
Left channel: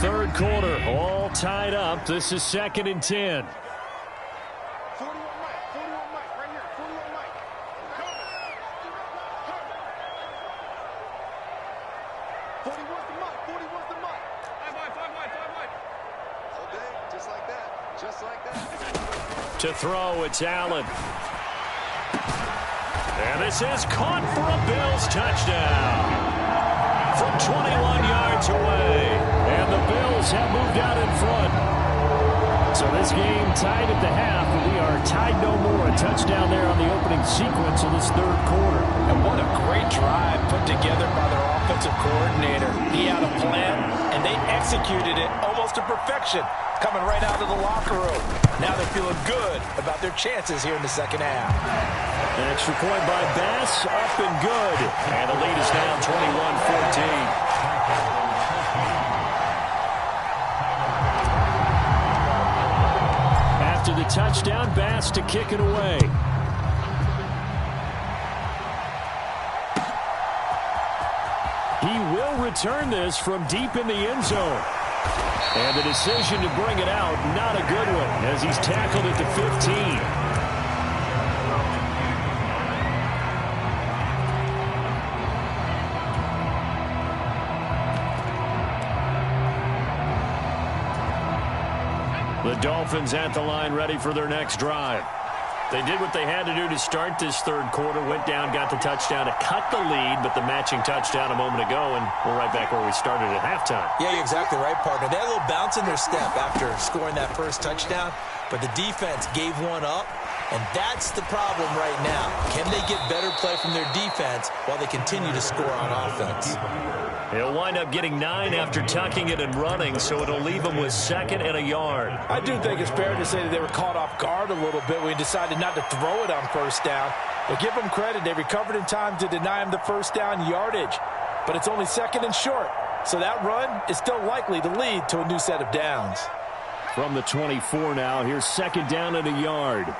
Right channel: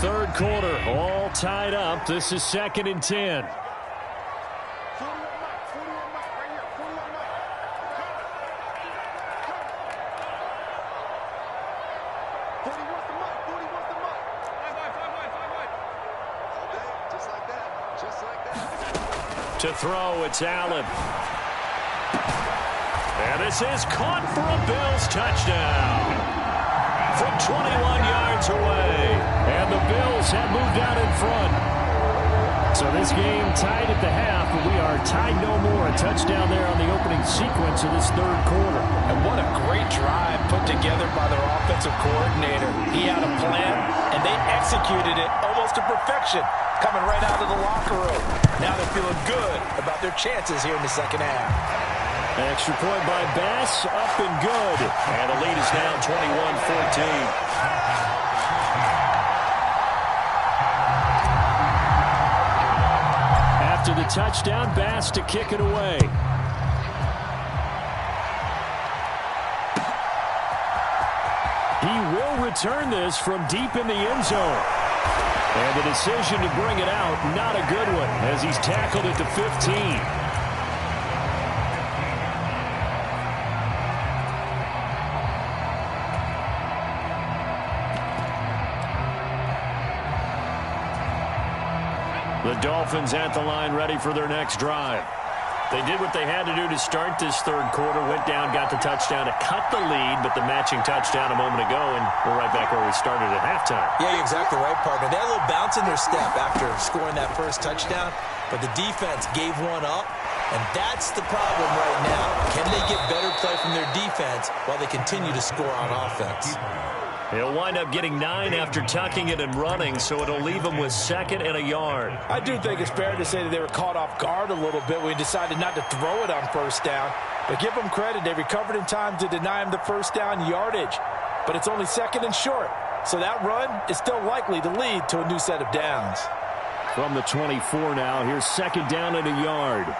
Third quarter, all tied up. This is 2nd and 10. 41 Mike, right here, 41 Mike. To throw, it's Allen. And this is caught for a Bills touchdown from 21 yards away. And the Bills have moved out in front. So this game tied at the half, but we are tied no more. A touchdown there on the opening sequence of this third quarter. And what a great drive put together by their offensive coordinator. He had a plan, and they executed it almost to perfection, coming right out of the locker room. Now they're feeling good about their chances here in the second half. An extra point by Bass, up and good. And the lead is now 21-14. After the touchdown, Bass to kick it away. He will return this from deep in the end zone. And the decision to bring it out, not a good one, as he's tackled at the 15. The Dolphins at the line, ready for their next drive. They did what they had to do to start this third quarter, went down, got the touchdown to cut the lead, but the matching touchdown a moment ago, and we're right back where we started at halftime. Yeah, you're exactly right, partner. They had a little bounce in their step after scoring that first touchdown, but the defense gave one up, and that's the problem right now. Can they get better play from their defense while they continue to score on offense? He'll wind up getting 9 after tucking it and running, so it'll leave him with 2nd and a yard. I do think it's fair to say that they were caught off guard a little bit when he decided not to throw it on first down. But give them credit. They recovered in time to deny him the first down yardage. But it's only 2nd and short. So that run is still likely to lead to a new set of downs. From the 24 now, here's 2nd down and a yard.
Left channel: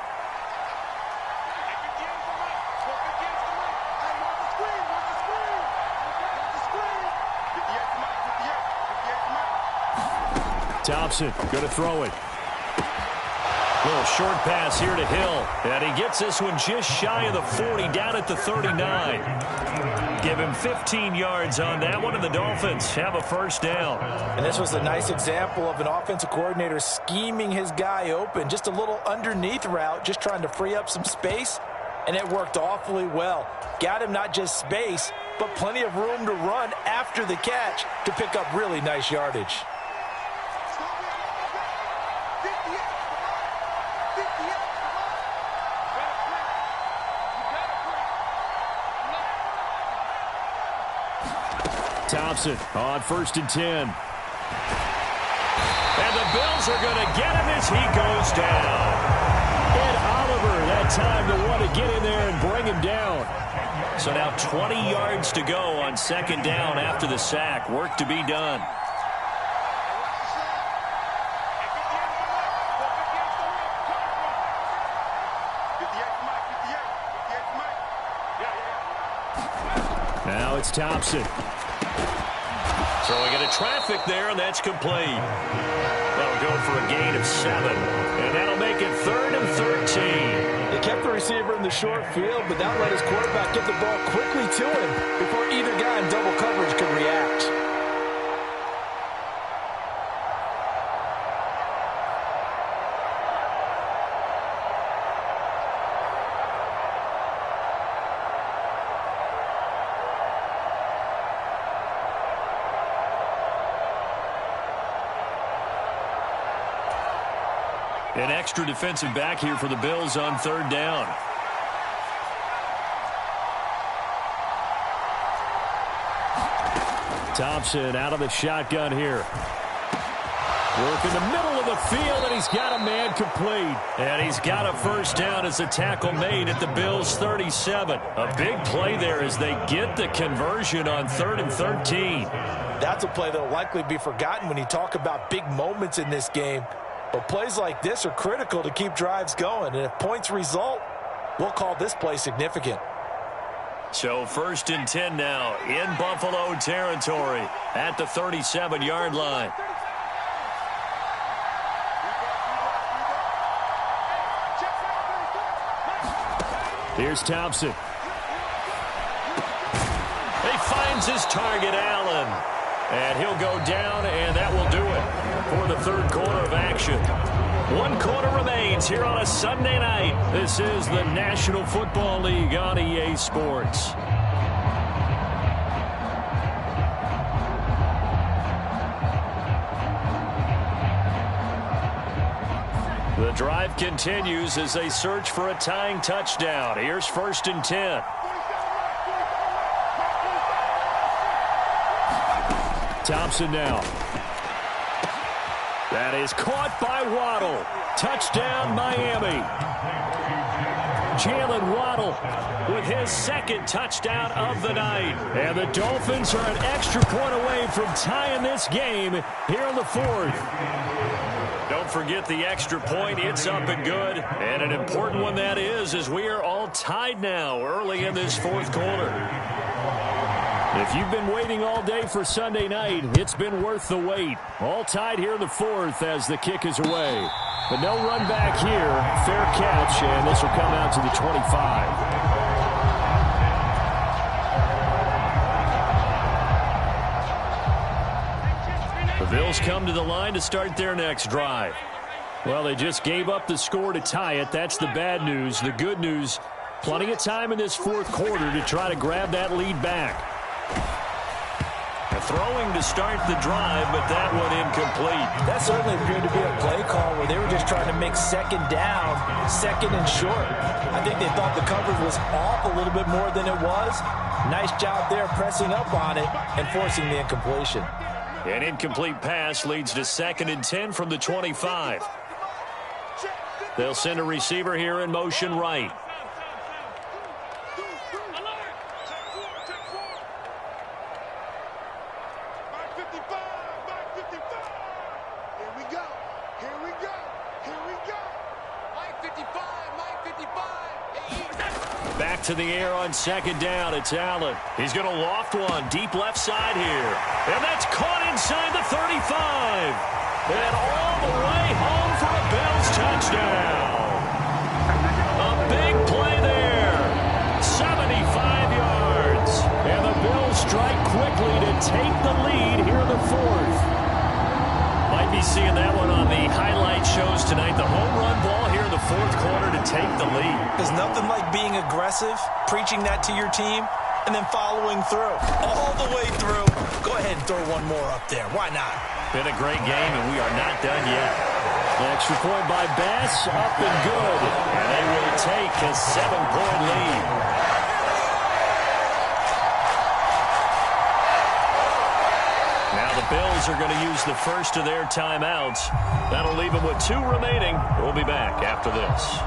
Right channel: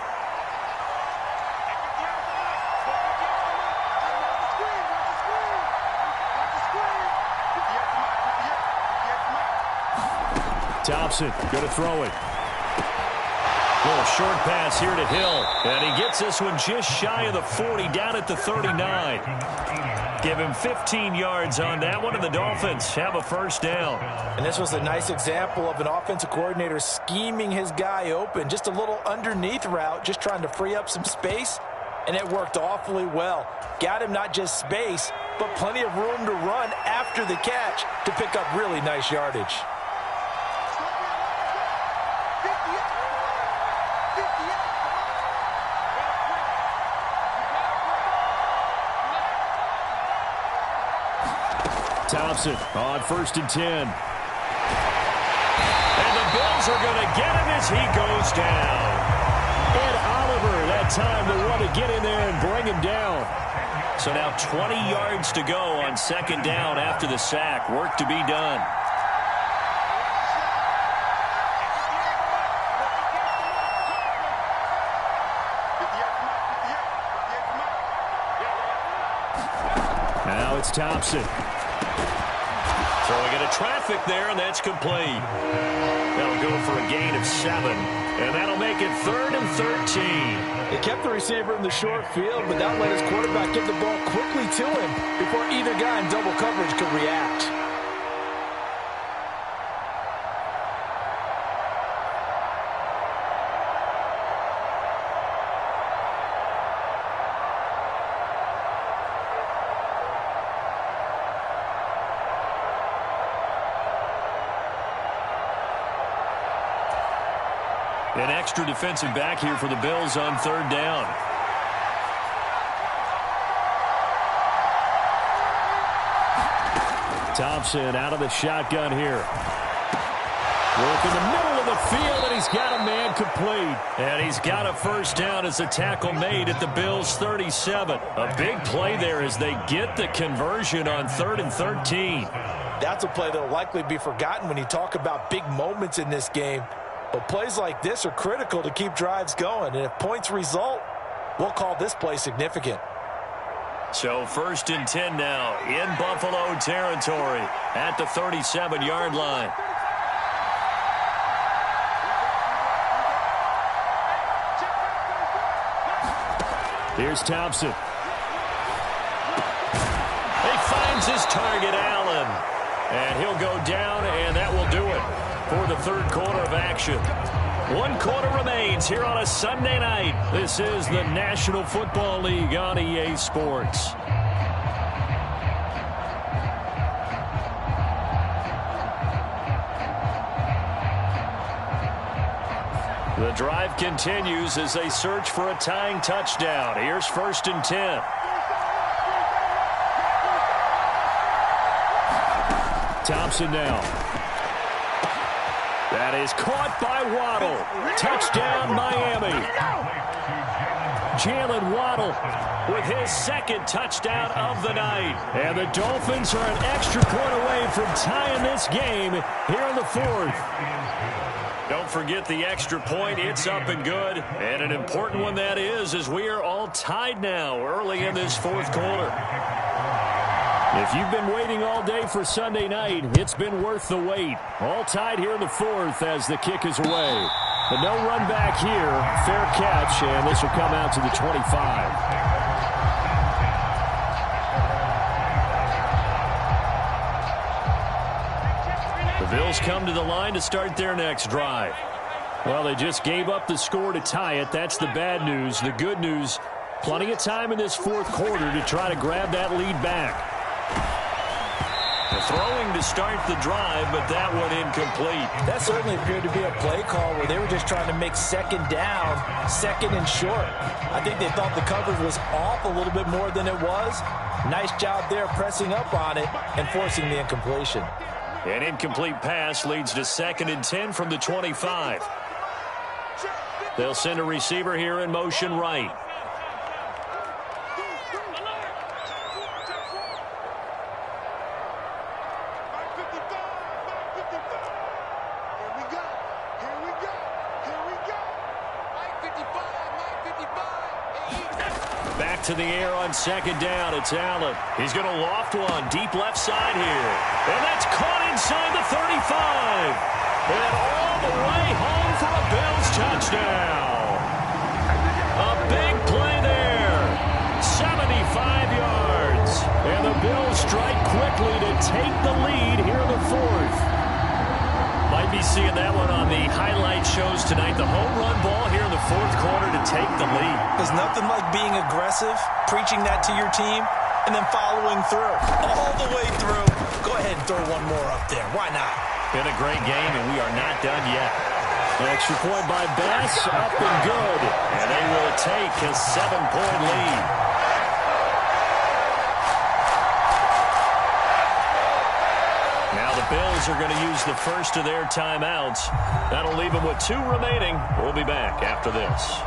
Thompson going to throw it. Little short pass here to Hill. And he gets this one just shy of the 40, down at the 39. Give him 15 yards on that one, and the Dolphins have a first down. And this was a nice example of an offensive coordinator scheming his guy open. Just a little underneath route, just trying to free up some space, and it worked awfully well. Got him not just space, but plenty of room to run after the catch to pick up really nice yardage. Thompson on 1st and 10. And the Bills are going to get him as he goes down. Ed Oliver, that time, the one to get in there and bring him down. So now 20 yards to go on 2nd down after the sack. Work to be done. Now it's Thompson. Throwing into traffic there, and that's complete. That'll go for a gain of 7, and that'll make it 3rd and 13. They kept the receiver in the short field, but that let his quarterback get the ball quickly to him before either guy in double coverage could react. An extra defensive back here for the Bills on 3rd down. Thompson out of the shotgun here. Work in the middle of the field, and he's got a man complete. And he's got a first down as the tackle made at the Bills' 37. A big play there as they get the conversion on 3rd and 13. That's a play that will likely be forgotten when you talk about big moments in this game. But plays like this are critical to keep drives going. And if points result, we'll call this play significant. So 1st and 10 now in Buffalo territory at the 37-yard line. Here's Thompson. He finds his target, Allen. And he'll go down, and that will do it for the third quarter of action. 1 quarter remains here on a Sunday night. This is the National Football League on EA Sports. The drive continues as they search for a tying touchdown. Here's 1st and 10. Thompson now. That is caught by Waddle. Touchdown, Miami. Jalen Waddle with his 2nd touchdown of the night. And the Dolphins are an extra point away from tying this game here in the 4th. Don't forget the extra point. It's up and good. And an important one that is, as we are all tied now early in this 4th quarter. If you've been waiting all day for Sunday night, it's been worth the wait. All tied here in the 4th as the kick is away. But no run back here. Fair catch, and this will come out to the 25. The Bills come to the line to start their next drive. Well, they just gave up the score to tie it. That's the bad news. The good news, plenty of time in this 4th quarter to try to grab that lead back. Throwing to start the drive, but that one incomplete. That certainly appeared to be a play call where they were just trying to make 2nd down, 2nd and short. I think they thought the coverage was off a little bit more than it was. Nice job there pressing up on it and forcing the incompletion. An incomplete pass leads to 2nd and 10 from the 25. They'll send a receiver here in motion right. Back to the air on 2nd down. It's Allen. He's going to loft one deep left side here. And that's caught inside the 35. And all the way home for a Bills touchdown. A big play there. 75 yards. And the Bills strike quickly to take the lead here in the 4th. Might be seeing that one on the highlight shows tonight. The home run ball here in the 4th quarter to take the lead. There's nothing like being aggressive, preaching that to your team, and then following through. All the way through. Go ahead and throw one more up there. Why not? Been a great game, and we are not done yet. An extra point by Bass, up and good. And they will take a 7-point lead. Now the Bills are going to use the first of their timeouts. That'll leave them with 2 remaining. We'll be back after this.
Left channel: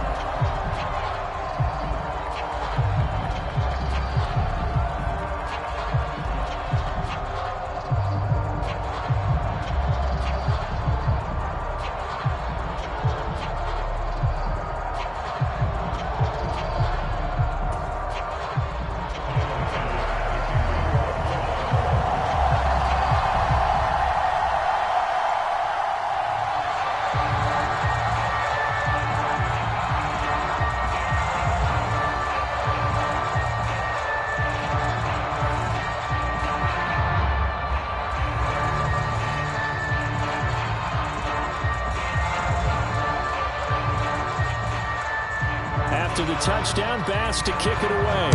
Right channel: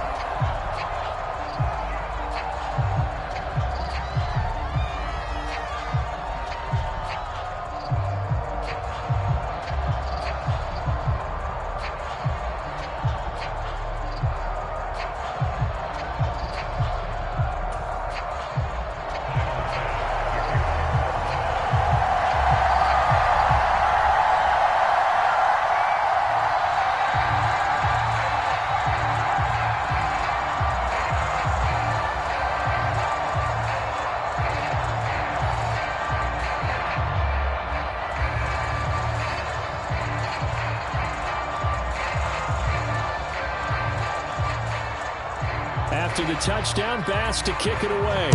After the touchdown, Bass to kick it away.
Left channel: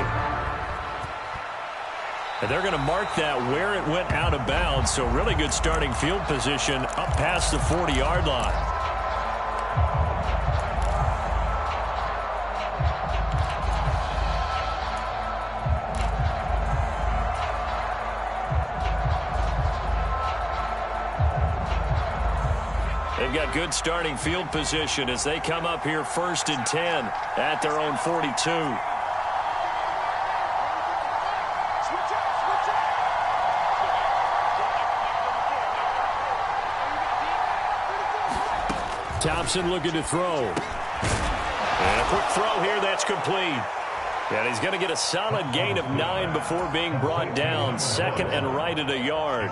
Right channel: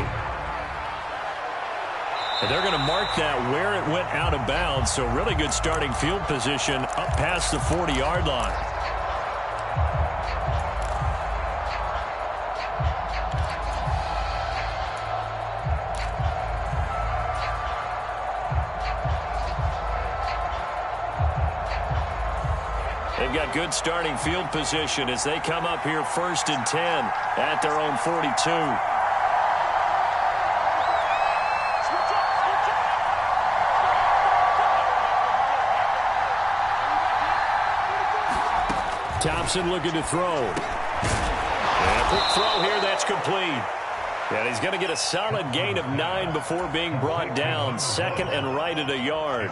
And they're going to mark that where it went out of bounds, so really good starting field position up past the 40-yard line. They've got good starting field position as they come up here 1st and 10 at their own 42. Thompson looking to throw. And a quick throw here, that's complete. And he's going to get a solid gain of 9 before being brought down. 2nd and right at a yard.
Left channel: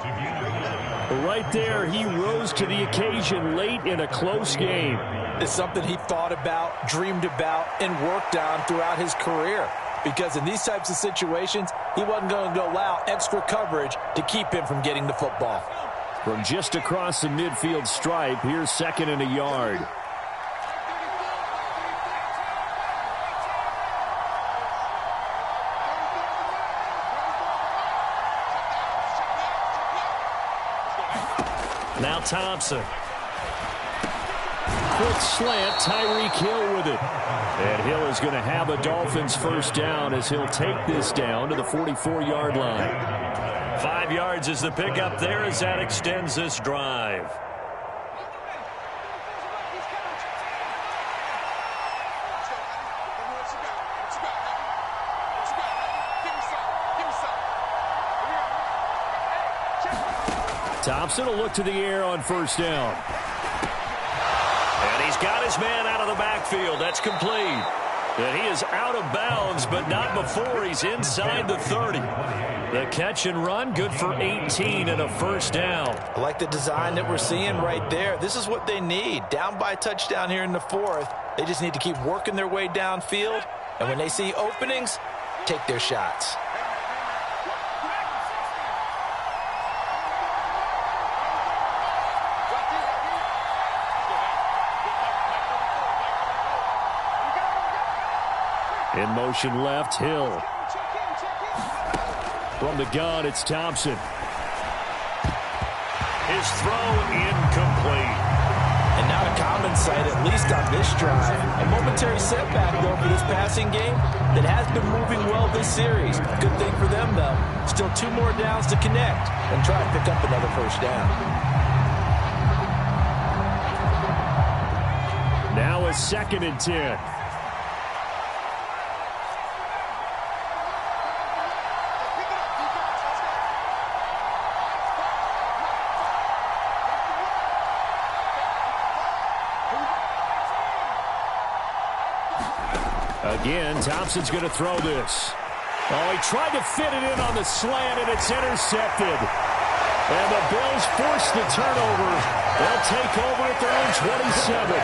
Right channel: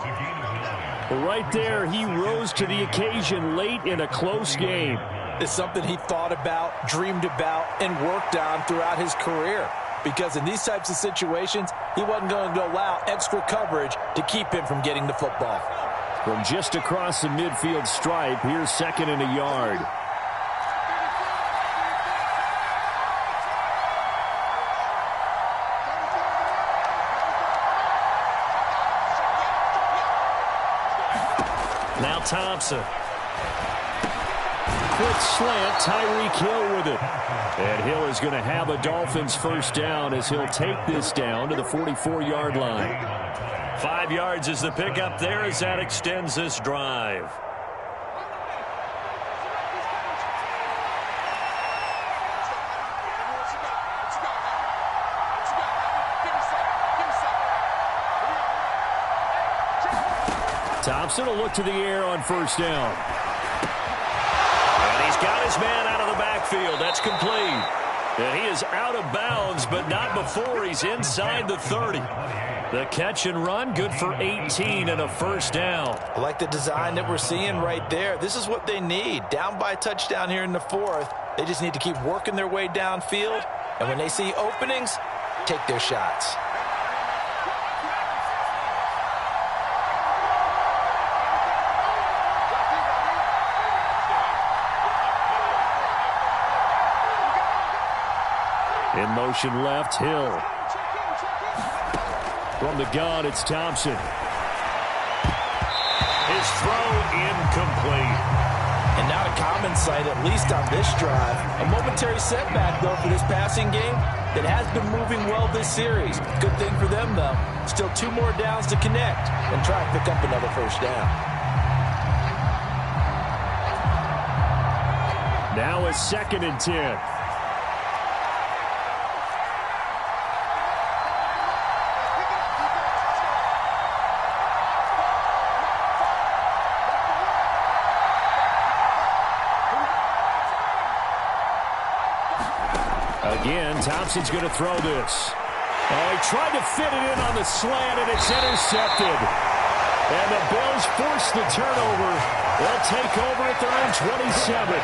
Right there, he rose to the occasion late in a close game. It's something he thought about, dreamed about, and worked on throughout his career. Because in these types of situations, he wasn't going to allow extra coverage to keep him from getting the football. From just across the midfield stripe, here's 2nd and a yard. Thompson. Quick slant, Tyreek Hill with it. And Hill is going to have a Dolphins first down as he'll take this down to the 44-yard line. 5 yards is the pickup there as that extends this drive. Thompson will look to the air on first down. And he's got his man out of the backfield. That's complete. And he is out of bounds, but not before he's inside the 30. The catch and run, good for 18 and a first down. I like the design that we're seeing right there. This is what they need. Down by a touchdown here in the 4th. They just need to keep working their way downfield. And when they see openings, take their shots. In motion left, Hill. From the gun, it's Thompson. His throw incomplete. And not a common sight, at least on this drive. A momentary setback, though, for this passing game that has been moving well this series. Good thing for them, though. Still 2 more downs to connect and try to pick up another first down. Now a 2nd and 10. Again, Thompson's going to throw this. Oh, he tried to fit it in on the slant, and it's intercepted. And the Bills force the turnover. They'll take over at their own 27.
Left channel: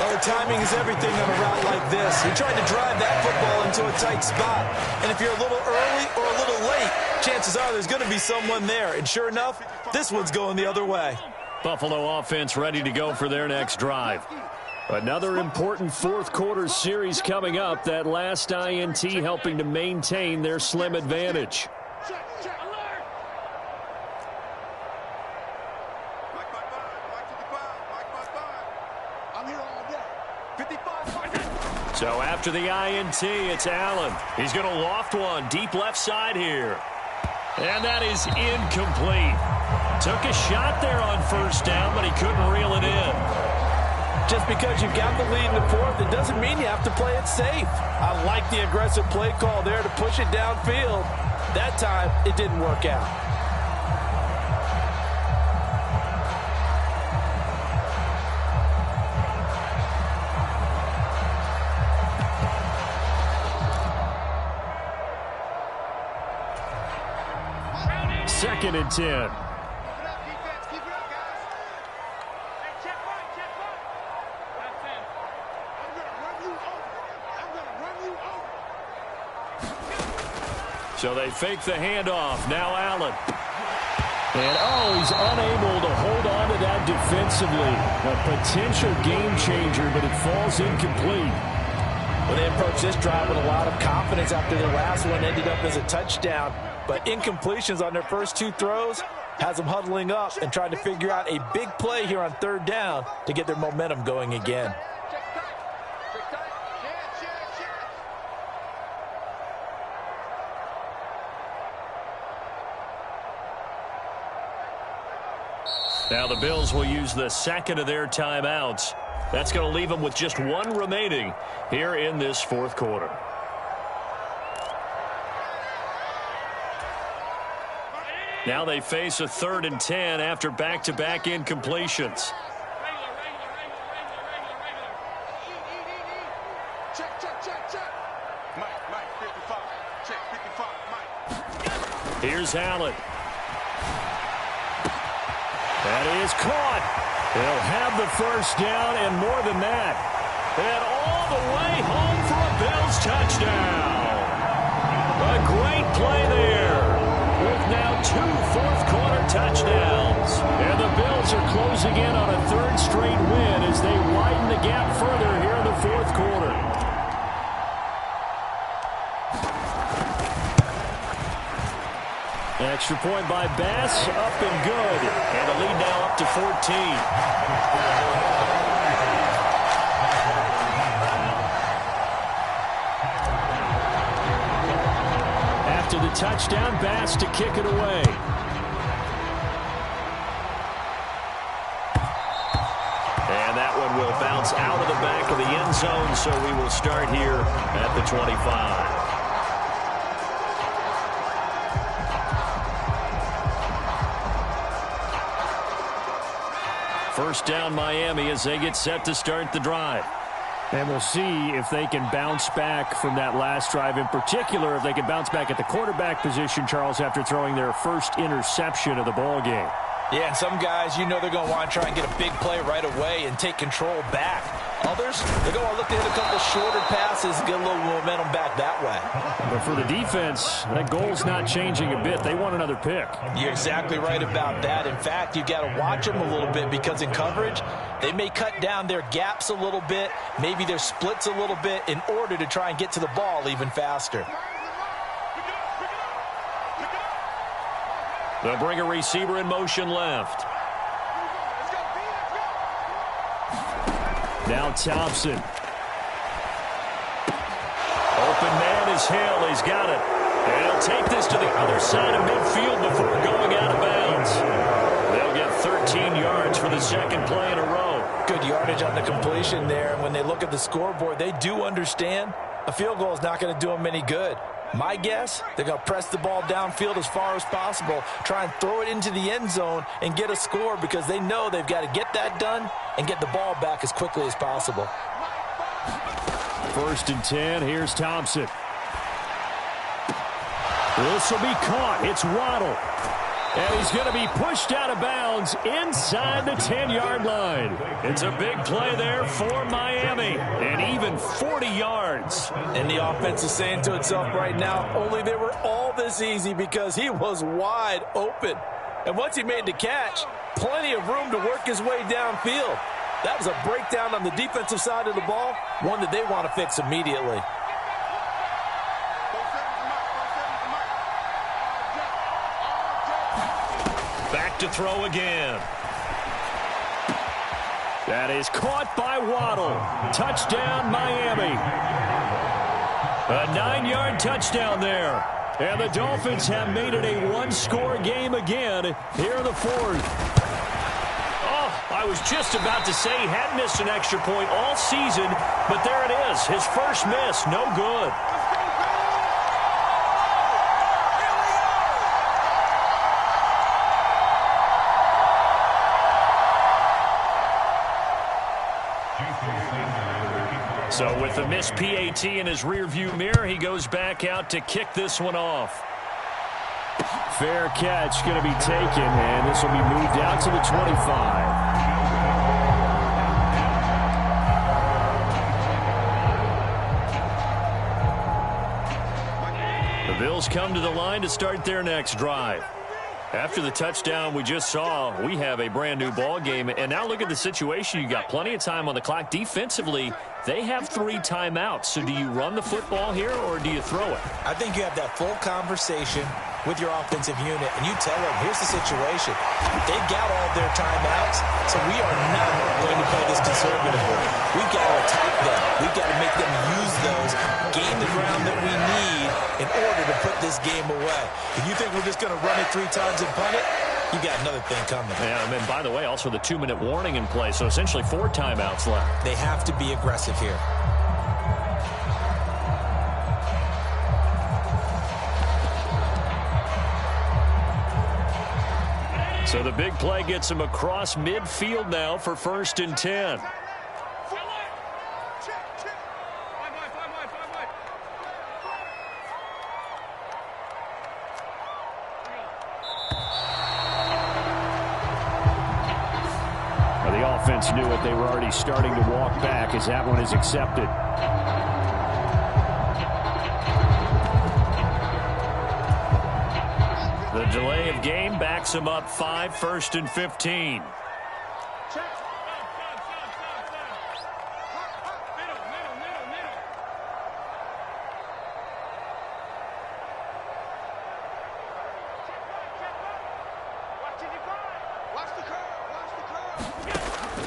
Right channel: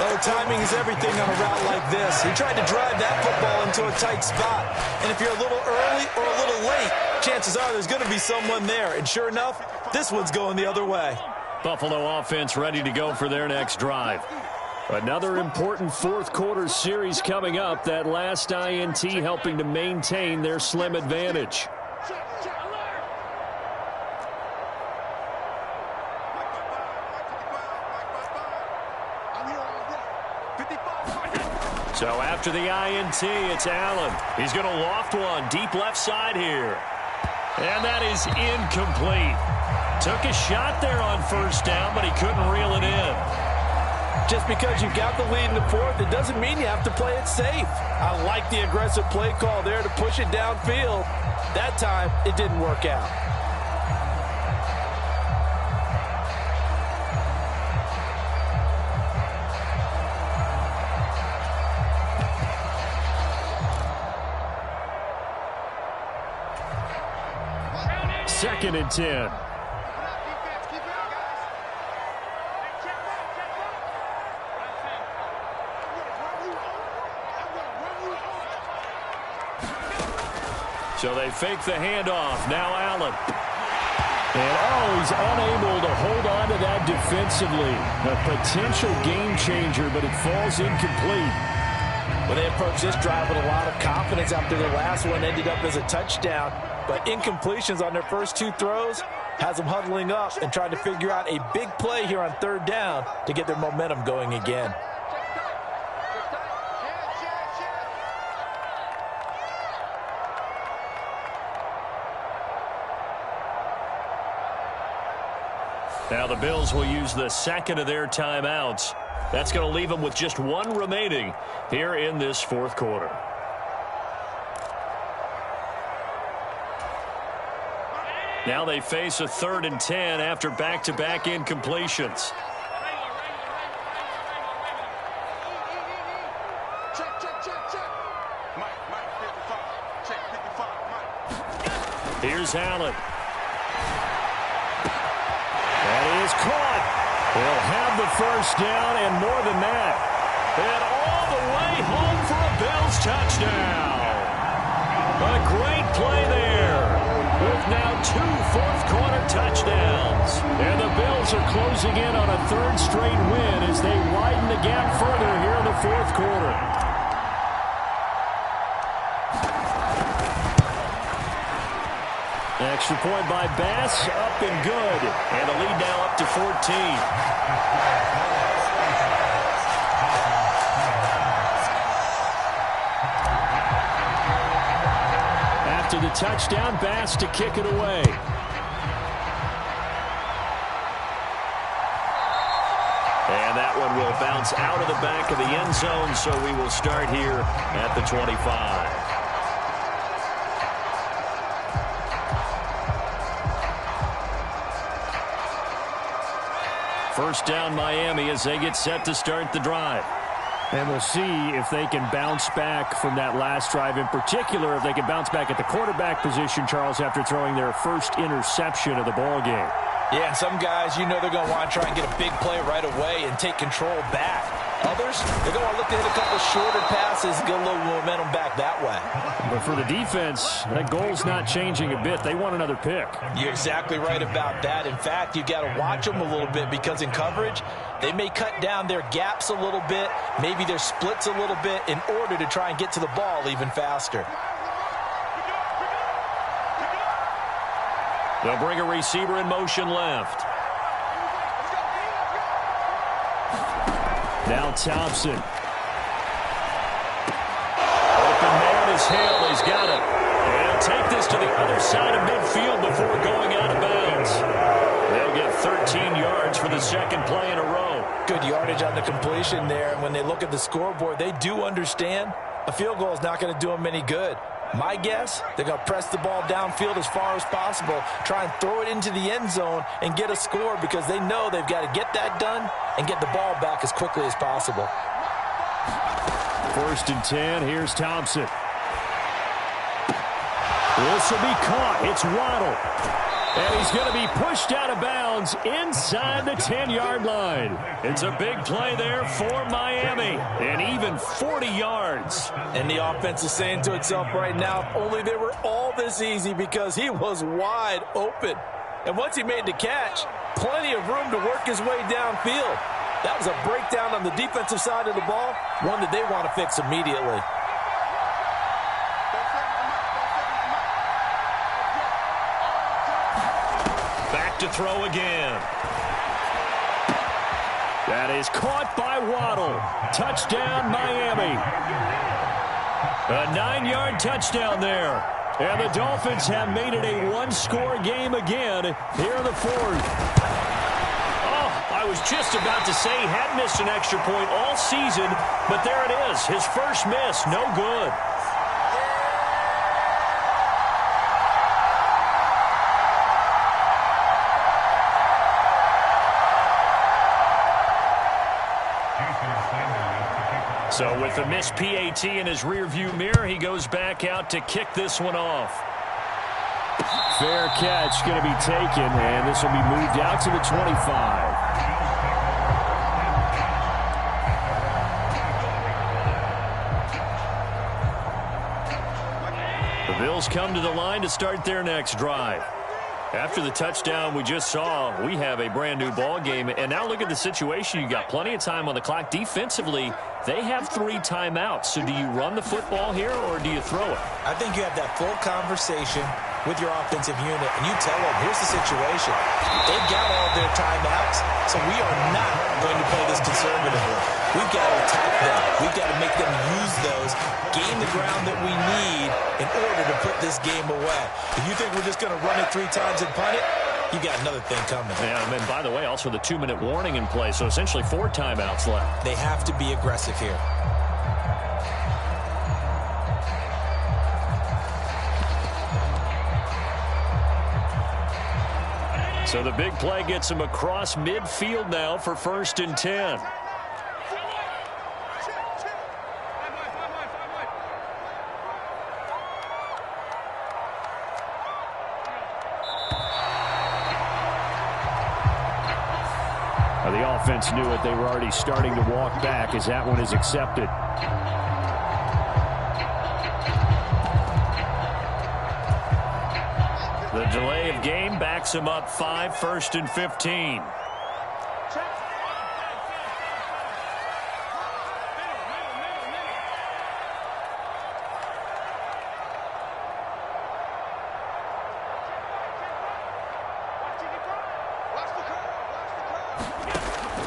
Well, the timing is everything on a route like this. He tried to drive that football into a tight spot. And if you're a little early or a little late, chances are there's going to be someone there. And sure enough, this one's going the other way. Buffalo offense ready to go for their next drive. Another important 4th quarter series coming up. That last INT helping to maintain their slim advantage. So after the INT, it's Allen. He's going to loft one deep left side here. And that is incomplete. Took a shot there on first down, but he couldn't reel it in. Just because you've got the lead in the 4th, it doesn't mean you have to play it safe. I like the aggressive play call there to push it downfield. That time, it didn't work out. Second and 10. So they fake the handoff. Now Allen. And, he's unable to hold on to that defensively. A potential game changer, but it falls incomplete. Well, they approached this drive with a lot of confidence after their last one ended up as a touchdown. But incompletions on their first 2 throws has them huddling up and trying to figure out a big play here on 3rd down to get their momentum going again. Now the Bills will use the 2nd of their timeouts. That's going to leave them with just 1 remaining here in this 4th quarter. Now they face a 3rd and 10 after back-to-back incompletions. Here's Allen. That is caught. They'll have the first down and more than that. And all the way home for a Bills touchdown. A great play there with now 2 fourth-quarter touchdowns. And the Bills are closing in on a 3rd straight win as they widen the gap further here in the 4th quarter. Extra point by Bass, up and good. And the lead now up to 14. After the touchdown, Bass to kick it away. And that one will bounce out of the back of the end zone, so we will start here at the 25. First down, Miami, as they get set to start the drive. And we'll see if they can bounce back from that last drive. In particular, if they can bounce back at the quarterback position, Charles, after throwing their first interception of the ball game. Yeah, and some guys, you know they're going to want to try and get a big play right away and take control back. Others, they're going to look to hit a couple shorter passes and get a little momentum back that way. But for the defense, that goal's not changing a bit. They want another pick. You're exactly right about that. In fact, you got to watch them a little bit because in coverage, they may cut down their gaps a little bit, maybe their splits a little bit in order to try and get to the ball even faster. They'll bring a receiver in motion left. Now Thompson. Open man is Hill. He's got it. And he'll take this to the other side of midfield before going out of bounds. They'll get 13 yards for the second play in a row. Good yardage on the completion there. And when they look at the scoreboard, they do understand a field goal is not going to do them any good. My guess, they're going to press the ball downfield as far as possible, try and throw it into the end zone and get a score because they know they've got to get that done and get the ball back as quickly as possible. First and 10, here's Thompson. This will be caught. It's Waddle. And he's going to be pushed out of bounds inside the 10-yard line. It's a big play there for Miami. And even 40 yards. And the offense is saying to itself right now, if only they were all this easy because he was wide open. And once he made the catch, plenty of room to work his way downfield. That was a breakdown on the defensive side of the ball, one that they want to fix immediately. Back to throw again. That is caught by Waddle. Touchdown, Miami. A 9-yard touchdown there. And the Dolphins have made it a one-score game again here in the fourth. Oh, I was just about to say he had missed an extra point all season, but there it is. His first miss, no good. So with the missed PAT in his rearview mirror, he goes back out to kick this one off. Fair catch going to be taken, and this will be moved out to the 25. The Bills come to the line to start their next drive. After the touchdown we just saw, we have a brand new ball game. And now look at the situation. You got plenty of time on the clock. Defensively, they have 3 timeouts. So do you run the football here or do you throw it? I think you have that full conversation with your offensive unit, and you tell them, here's the situation. They've got all their timeouts, so we are not going to play this conservatively. We've got to attack them. We've got to make them use those, gain the ground that we need in order to put this game away. If you think we're just going to run it 3 times and punt it, you got another thing coming. Yeah, and by the way, also the 2-minute warning in play, so essentially 4 timeouts left. They have to be aggressive here. So the big play gets him across midfield now for 1st and 10. Well, the offense knew it. They were already starting to walk back as that one is accepted. The delay of game backs him up 5, 1st and 15.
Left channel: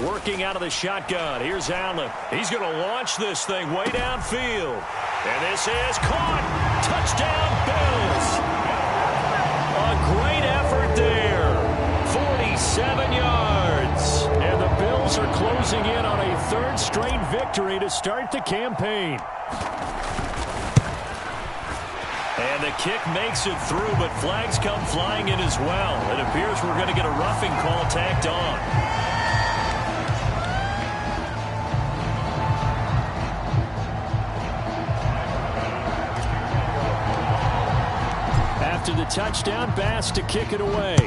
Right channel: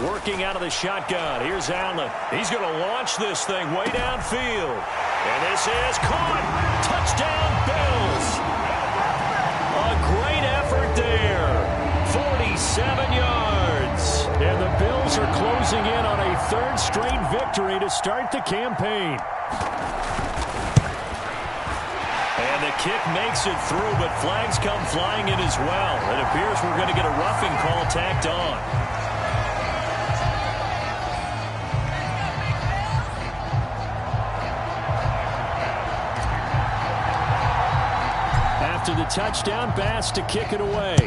Working out of the shotgun. Here's Allen. He's going to launch this thing way downfield. And this is caught. Touchdown, Bills. A great effort there. 47 yards. And the Bills are closing in on a third straight victory to start the campaign. And the kick makes it through, but flags come flying in as well. It appears we're going to get a roughing call tacked on. After the touchdown, Bass to kick it away.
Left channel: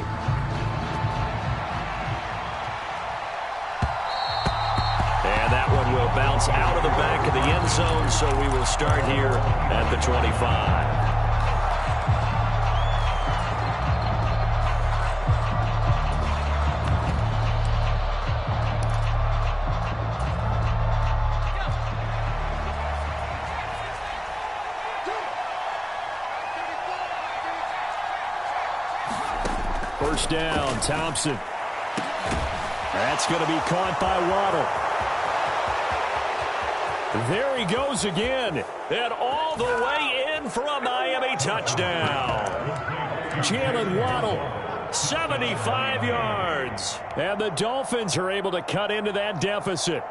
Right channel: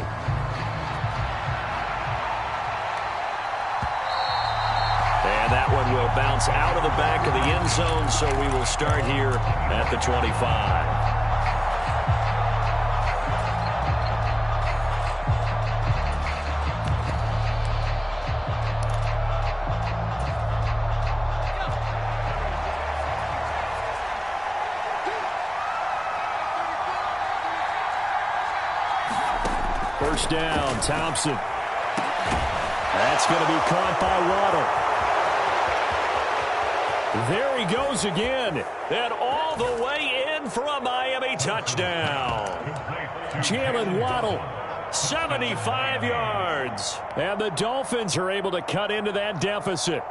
And that one will bounce out of the back of the end zone, so we will start here at the 25. First down, Thompson. That's going to be caught by Waddle. There he goes again. And all the way in for a Miami touchdown. Jalen Waddle, 75 yards. And the Dolphins are able to cut into that deficit.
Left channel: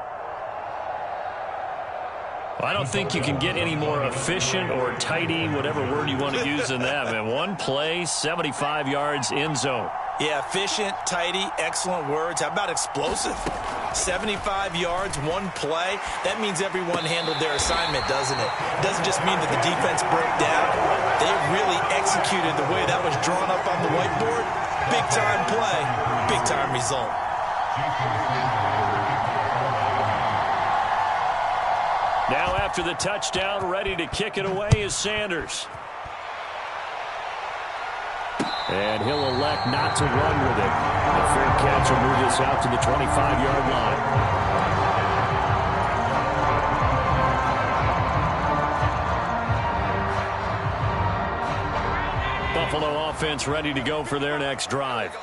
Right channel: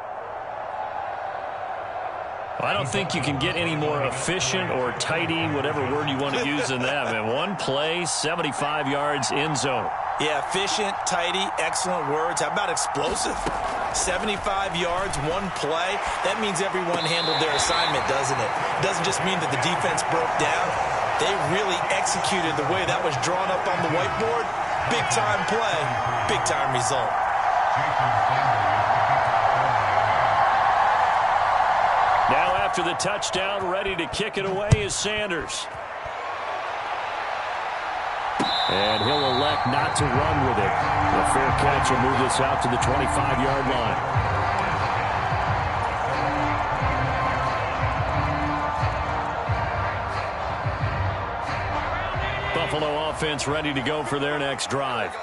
I don't think you can get any more efficient or tidy, whatever word you want to use in that. Man, one play, 75 yards, end zone. Yeah, efficient, tidy, excellent words. How about explosive? 75 yards, one play. That means everyone handled their assignment, doesn't it? It doesn't just mean that the defense broke down. They really executed the way that was drawn up on the whiteboard. Big-time play, big-time result. Now after the touchdown, ready to kick it away is Sanders. And he'll elect not to run with it. A fair catch will move this out to the 25-yard line. Buffalo offense ready to go for their next drive.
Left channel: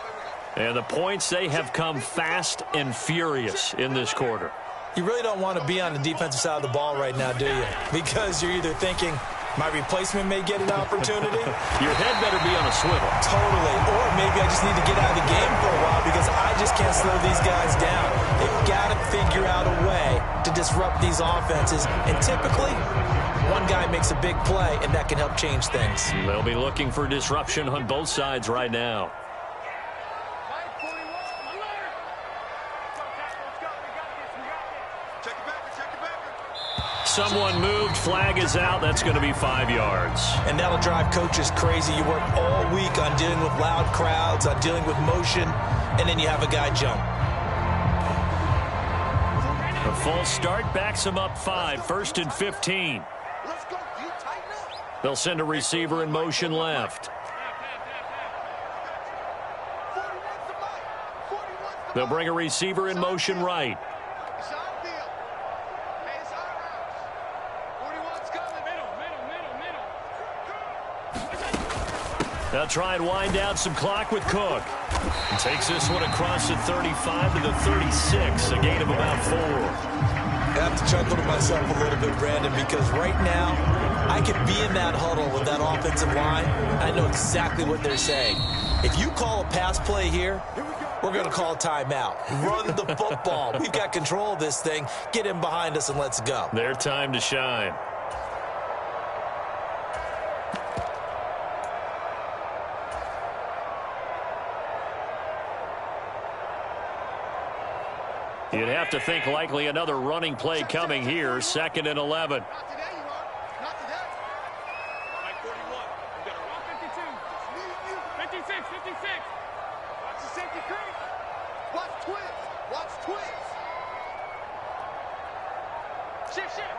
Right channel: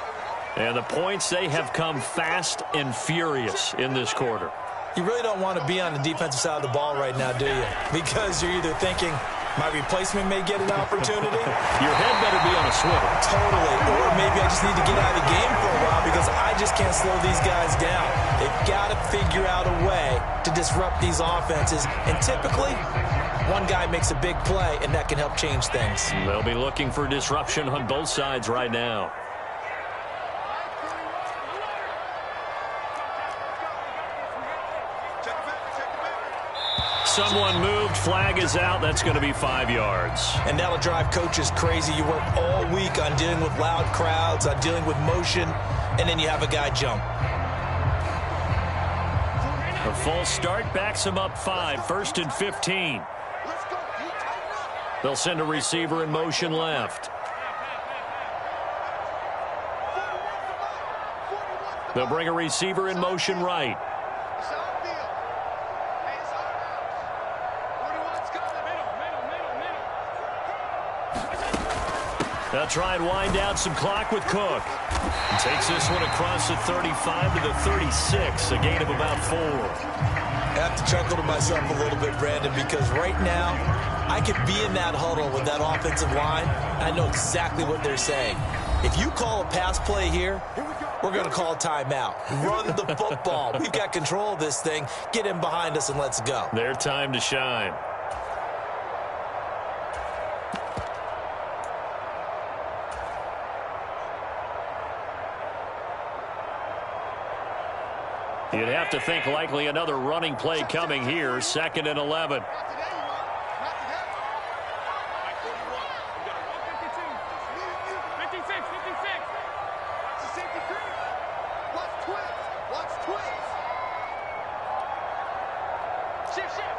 And the points, they have come fast and furious in this quarter. You really don't want to be on the defensive side of the ball right now, do you? Because you're either thinking, my replacement may get an opportunity. Your head better be on a swivel. Totally. Or maybe I just need to get out of the game for a while because I just can't slow these guys down. They've got to figure out a way to disrupt these offenses. And typically, one guy makes a big play, and that can help change things. They'll be looking for disruption on both sides right now. Someone moved, flag is out, that's going to be 5 yards. And that'll drive coaches crazy. You work all week on dealing with loud crowds, on dealing with motion, and then you have a guy jump. A false start backs him up 5, 1st and 15. They'll send a receiver in motion left. They'll bring a receiver in motion right. They'll try and wind down some clock with Cook. He takes this one across the 35 to the 36, a gain of about 4. I have to chuckle to myself a little bit, Brandon, because right now I could be in that huddle with that offensive line. I know exactly what they're saying. If you call a pass play here, we're going to call timeout. Run the football. We've got control of this thing. Get him behind us and let's go. Their time to shine. You'd have to think likely another running play coming here. 2nd and 11. Not today, you are. Not today. Mike 41. We got a 52. Just me and you. 56. 56. Watch the safety creep. Watch twins. Watch twins. Shift, shift.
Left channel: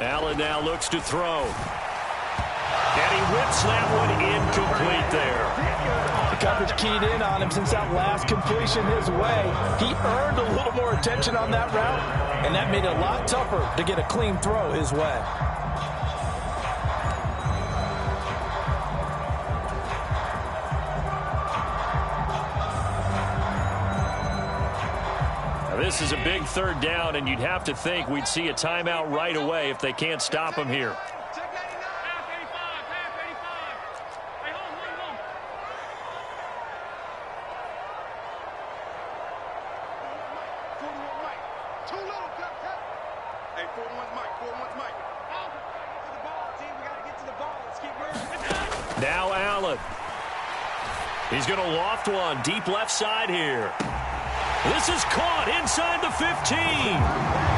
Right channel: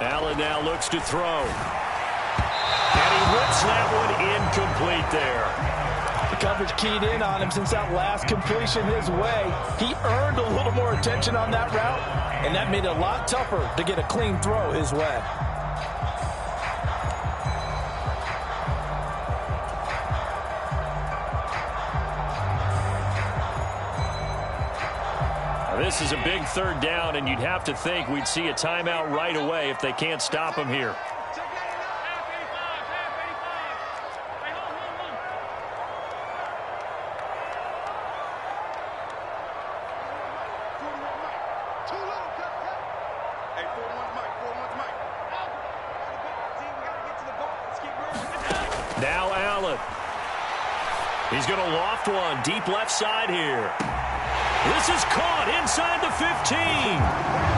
Allen now looks to throw. And he whips that one incomplete there. The coverage keyed in on him since that last completion his way. He earned a little more attention on that route, and that made it a lot tougher to get a clean throw his way. This is a big third down, and you'd have to think we'd see a timeout right away if they can't stop him here. Now Allen. He's going to loft one deep left side here. This is caught inside the 15.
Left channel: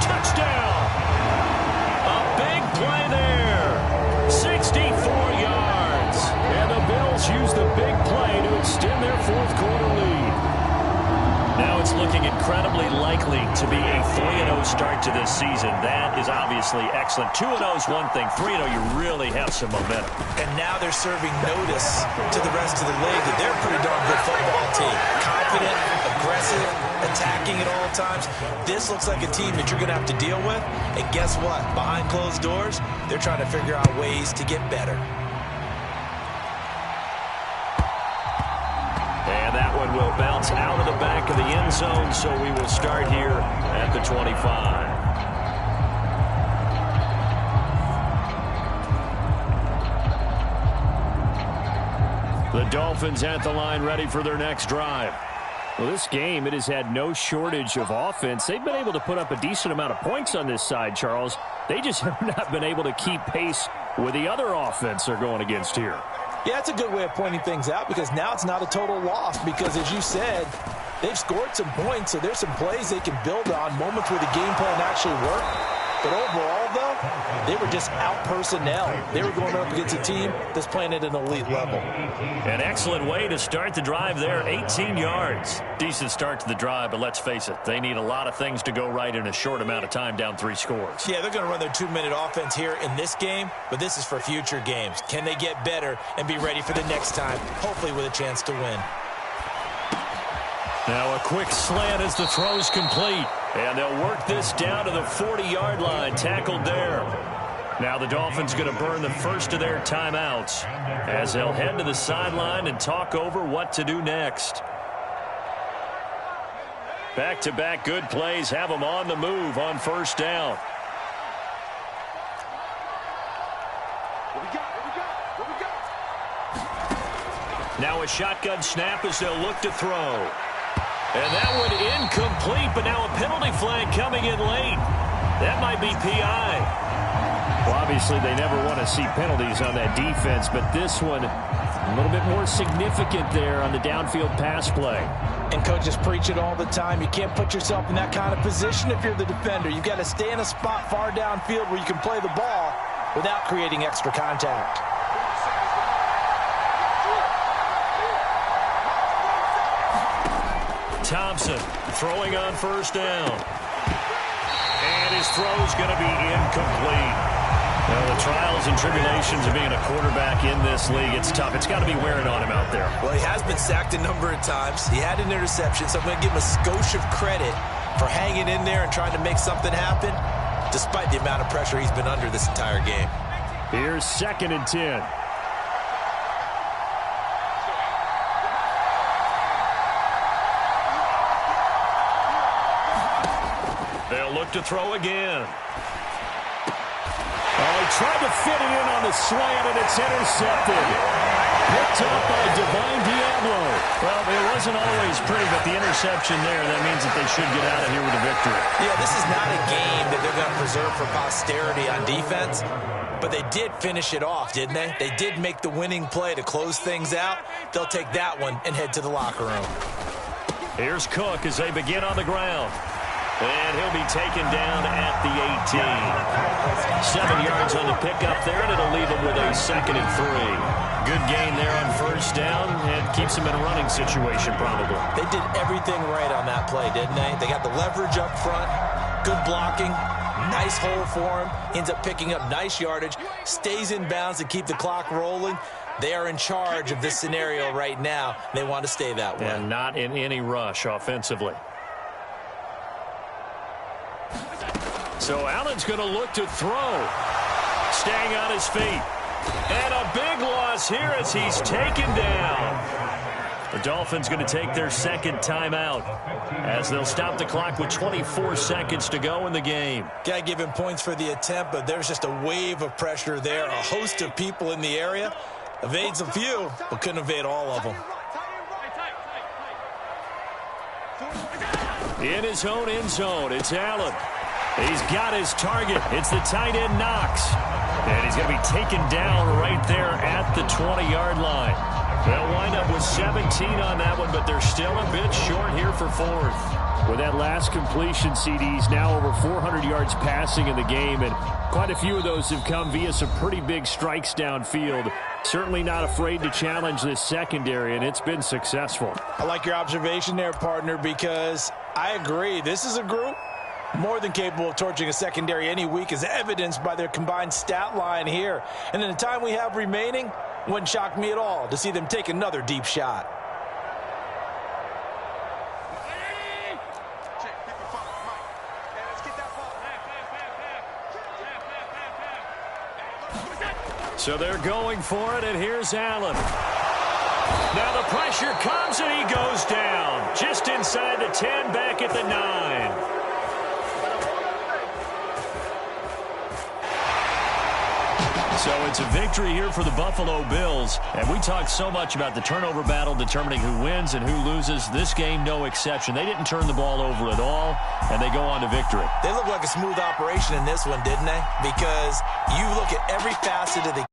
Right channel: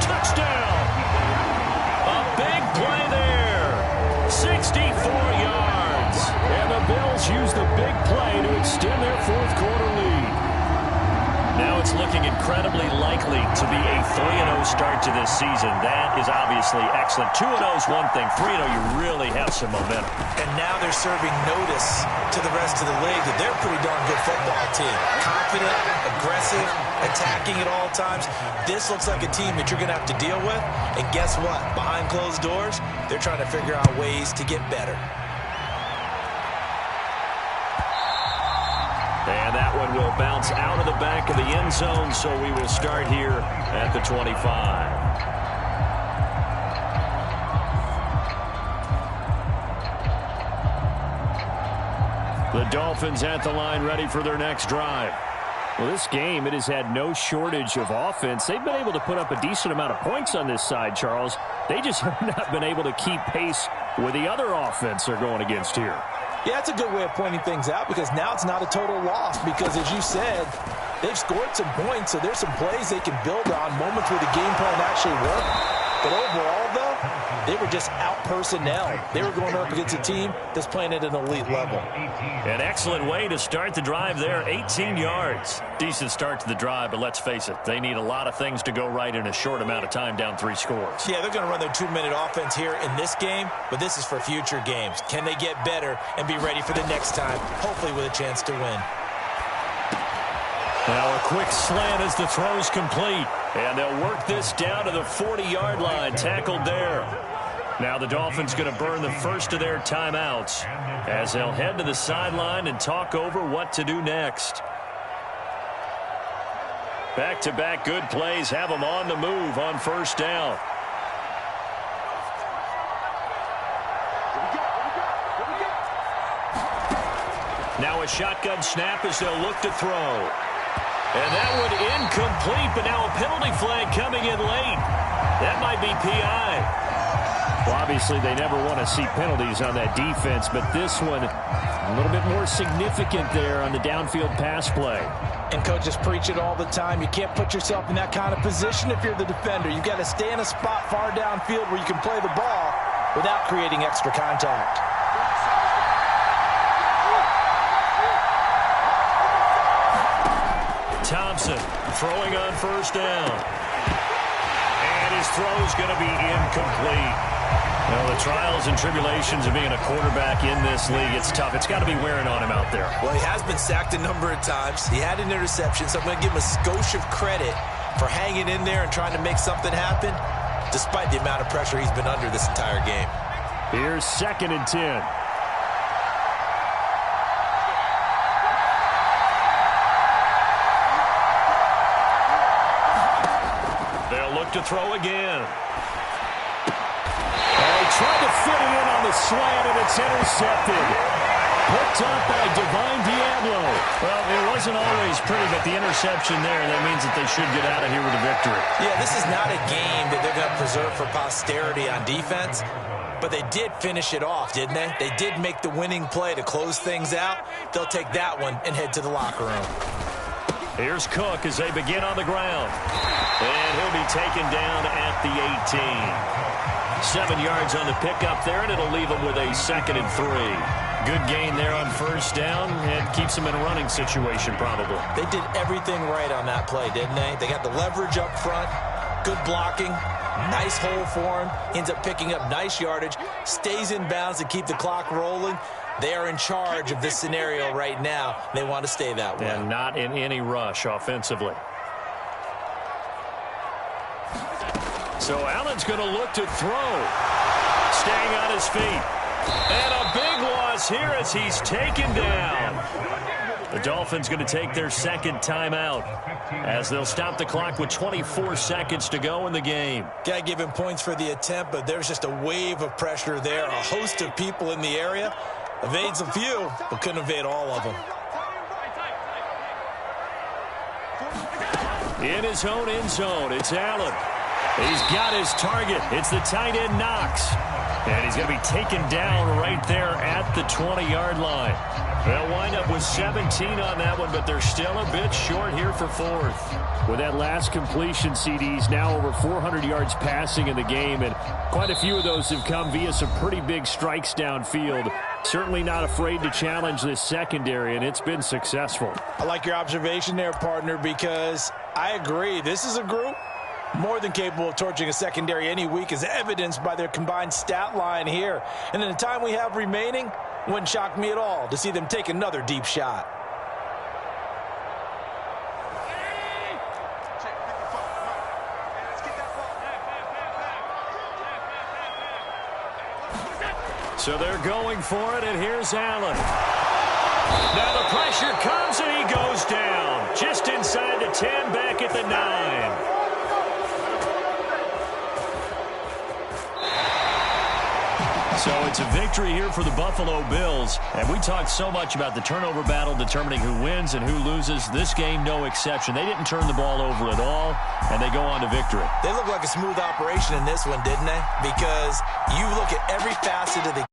Touchdown. A big play there. 64 yards. And the Bills use the big play to extend their fourth quarter lead. Now it's looking incredibly likely to be a 3-0 start to this season. That is obviously excellent. 2-0 is one thing. 3-0, you really have some momentum. And now they're serving notice to the rest of the league that they're a pretty darn good football team. Confident, aggressive, attacking at all times. This looks like a team that you're going to have to deal with. And guess what? Behind closed doors, they're trying to figure out ways to get better. And that one will bounce out of the back of the end zone, so we will start here at the 25. The Dolphins at the line, ready for their next drive. Well, this game, it has had no shortage of offense. They've been able to put up a decent amount of points on this side, Charles. They just have not been able to keep pace with the other offense they're going against here. Yeah, that's a good way of pointing things out because now it's not a total loss because, as you said, they've scored some points, so there's some plays they can build on, moments where the game plan actually worked. But overall, though, they were just out-personnel. They were going up against a team that's playing at an elite level. An excellent way to start the drive there, 18 yards. Decent start to the drive, but let's face it, they need a lot of things to go right in a short amount of time, down 3 scores. Yeah, they're going to run their 2-minute offense here in this game, but this is for future games. Can they get better and be ready for the next time, hopefully with a chance to win? Now a quick slant as the throw's complete. And they'll work this down to the 40-yard line, tackled there. Now the Dolphins going to burn the first of their timeouts as they'll head to the sideline and talk over what to do next. Back-to-back good plays have them on the move on first down. Now a shotgun snap as they'll look to throw. And that one incomplete, but now a penalty flag coming in late. That might be PI. Well, obviously they never want to see penalties on that defense, but this one a little bit more significant there on the downfield pass play. And coaches preach it all the time. You can't put yourself in that kind of position if you're the defender. You've got to stay in a spot far downfield where you can play the ball without creating extra contact. Thompson throwing on first down. And his throw's going to be incomplete. Now, the trials and tribulations of being a quarterback in this league, it's tough. It's got to be wearing on him out there. Well, he has been sacked a number of times. He had an interception, so I'm going to give him a skosh of credit for hanging in there and trying to make something happen, despite the amount of pressure he's been under this entire game. Here's 2nd and 10. They'll look to throw again. Oh, he tried to fit it in on the slant, and it's intercepted. Picked up by Divine Diablo. Well, it wasn't always pretty, but the interception there, that means that they should get out of here with a victory. Yeah, this is not a game that they're going to preserve for posterity on defense, but they did finish it off, didn't they? They did make the winning play to close things out. They'll take that one and head to the locker room. Here's Cook as they begin on the ground. And he'll be taken down at the 18. 7 yards on the pickup there, and it'll leave him with a 2nd and 3. Good gain there on first down, and keeps him in a running situation probably. They did everything right on that play, didn't they? They got the leverage up front, good blocking, nice hole for him, ends up picking up nice yardage, stays in bounds to keep the clock rolling. They are in charge of this scenario right now. They want to stay that way. And not in any rush offensively. So Allen's going to look to throw. Staying on his feet. And a big loss here as he's taken down. The Dolphins going to take their second timeout as they'll stop the clock with 24 seconds to go in the game. Got to give him points for the attempt, but there's just a wave of pressure there. A host of people in the area. Evades a few, but couldn't evade all of them. In his own end zone, it's Allen. He's got his target. It's the tight end, Knox. And he's going to be taken down right there at the 20-yard line. They'll wind up with 17 on that one, but they're still a bit short here for fourth. With that last completion, CD's now over 400 yards passing in the game, and quite a few of those have come via some pretty big strikes downfield. Certainly not afraid to challenge this secondary, and it's been successful. I like your observation there, partner, because I agree. This is a group more than capable of torching a secondary any week, as evidenced by their combined stat line here. And in the time we have remaining, wouldn't shock me at all to see them take another deep shot. So they're going for it, and here's Allen. Now the pressure comes, and he goes down. Just inside the 10, back at the 9. So it's a victory here for the Buffalo Bills. And we talked so much about the turnover battle determining who wins and who loses. This game, no exception. They didn't turn the ball over at all, and they go on to victory. They look like a smooth operation in this one, didn't they? Because you look at every facet of the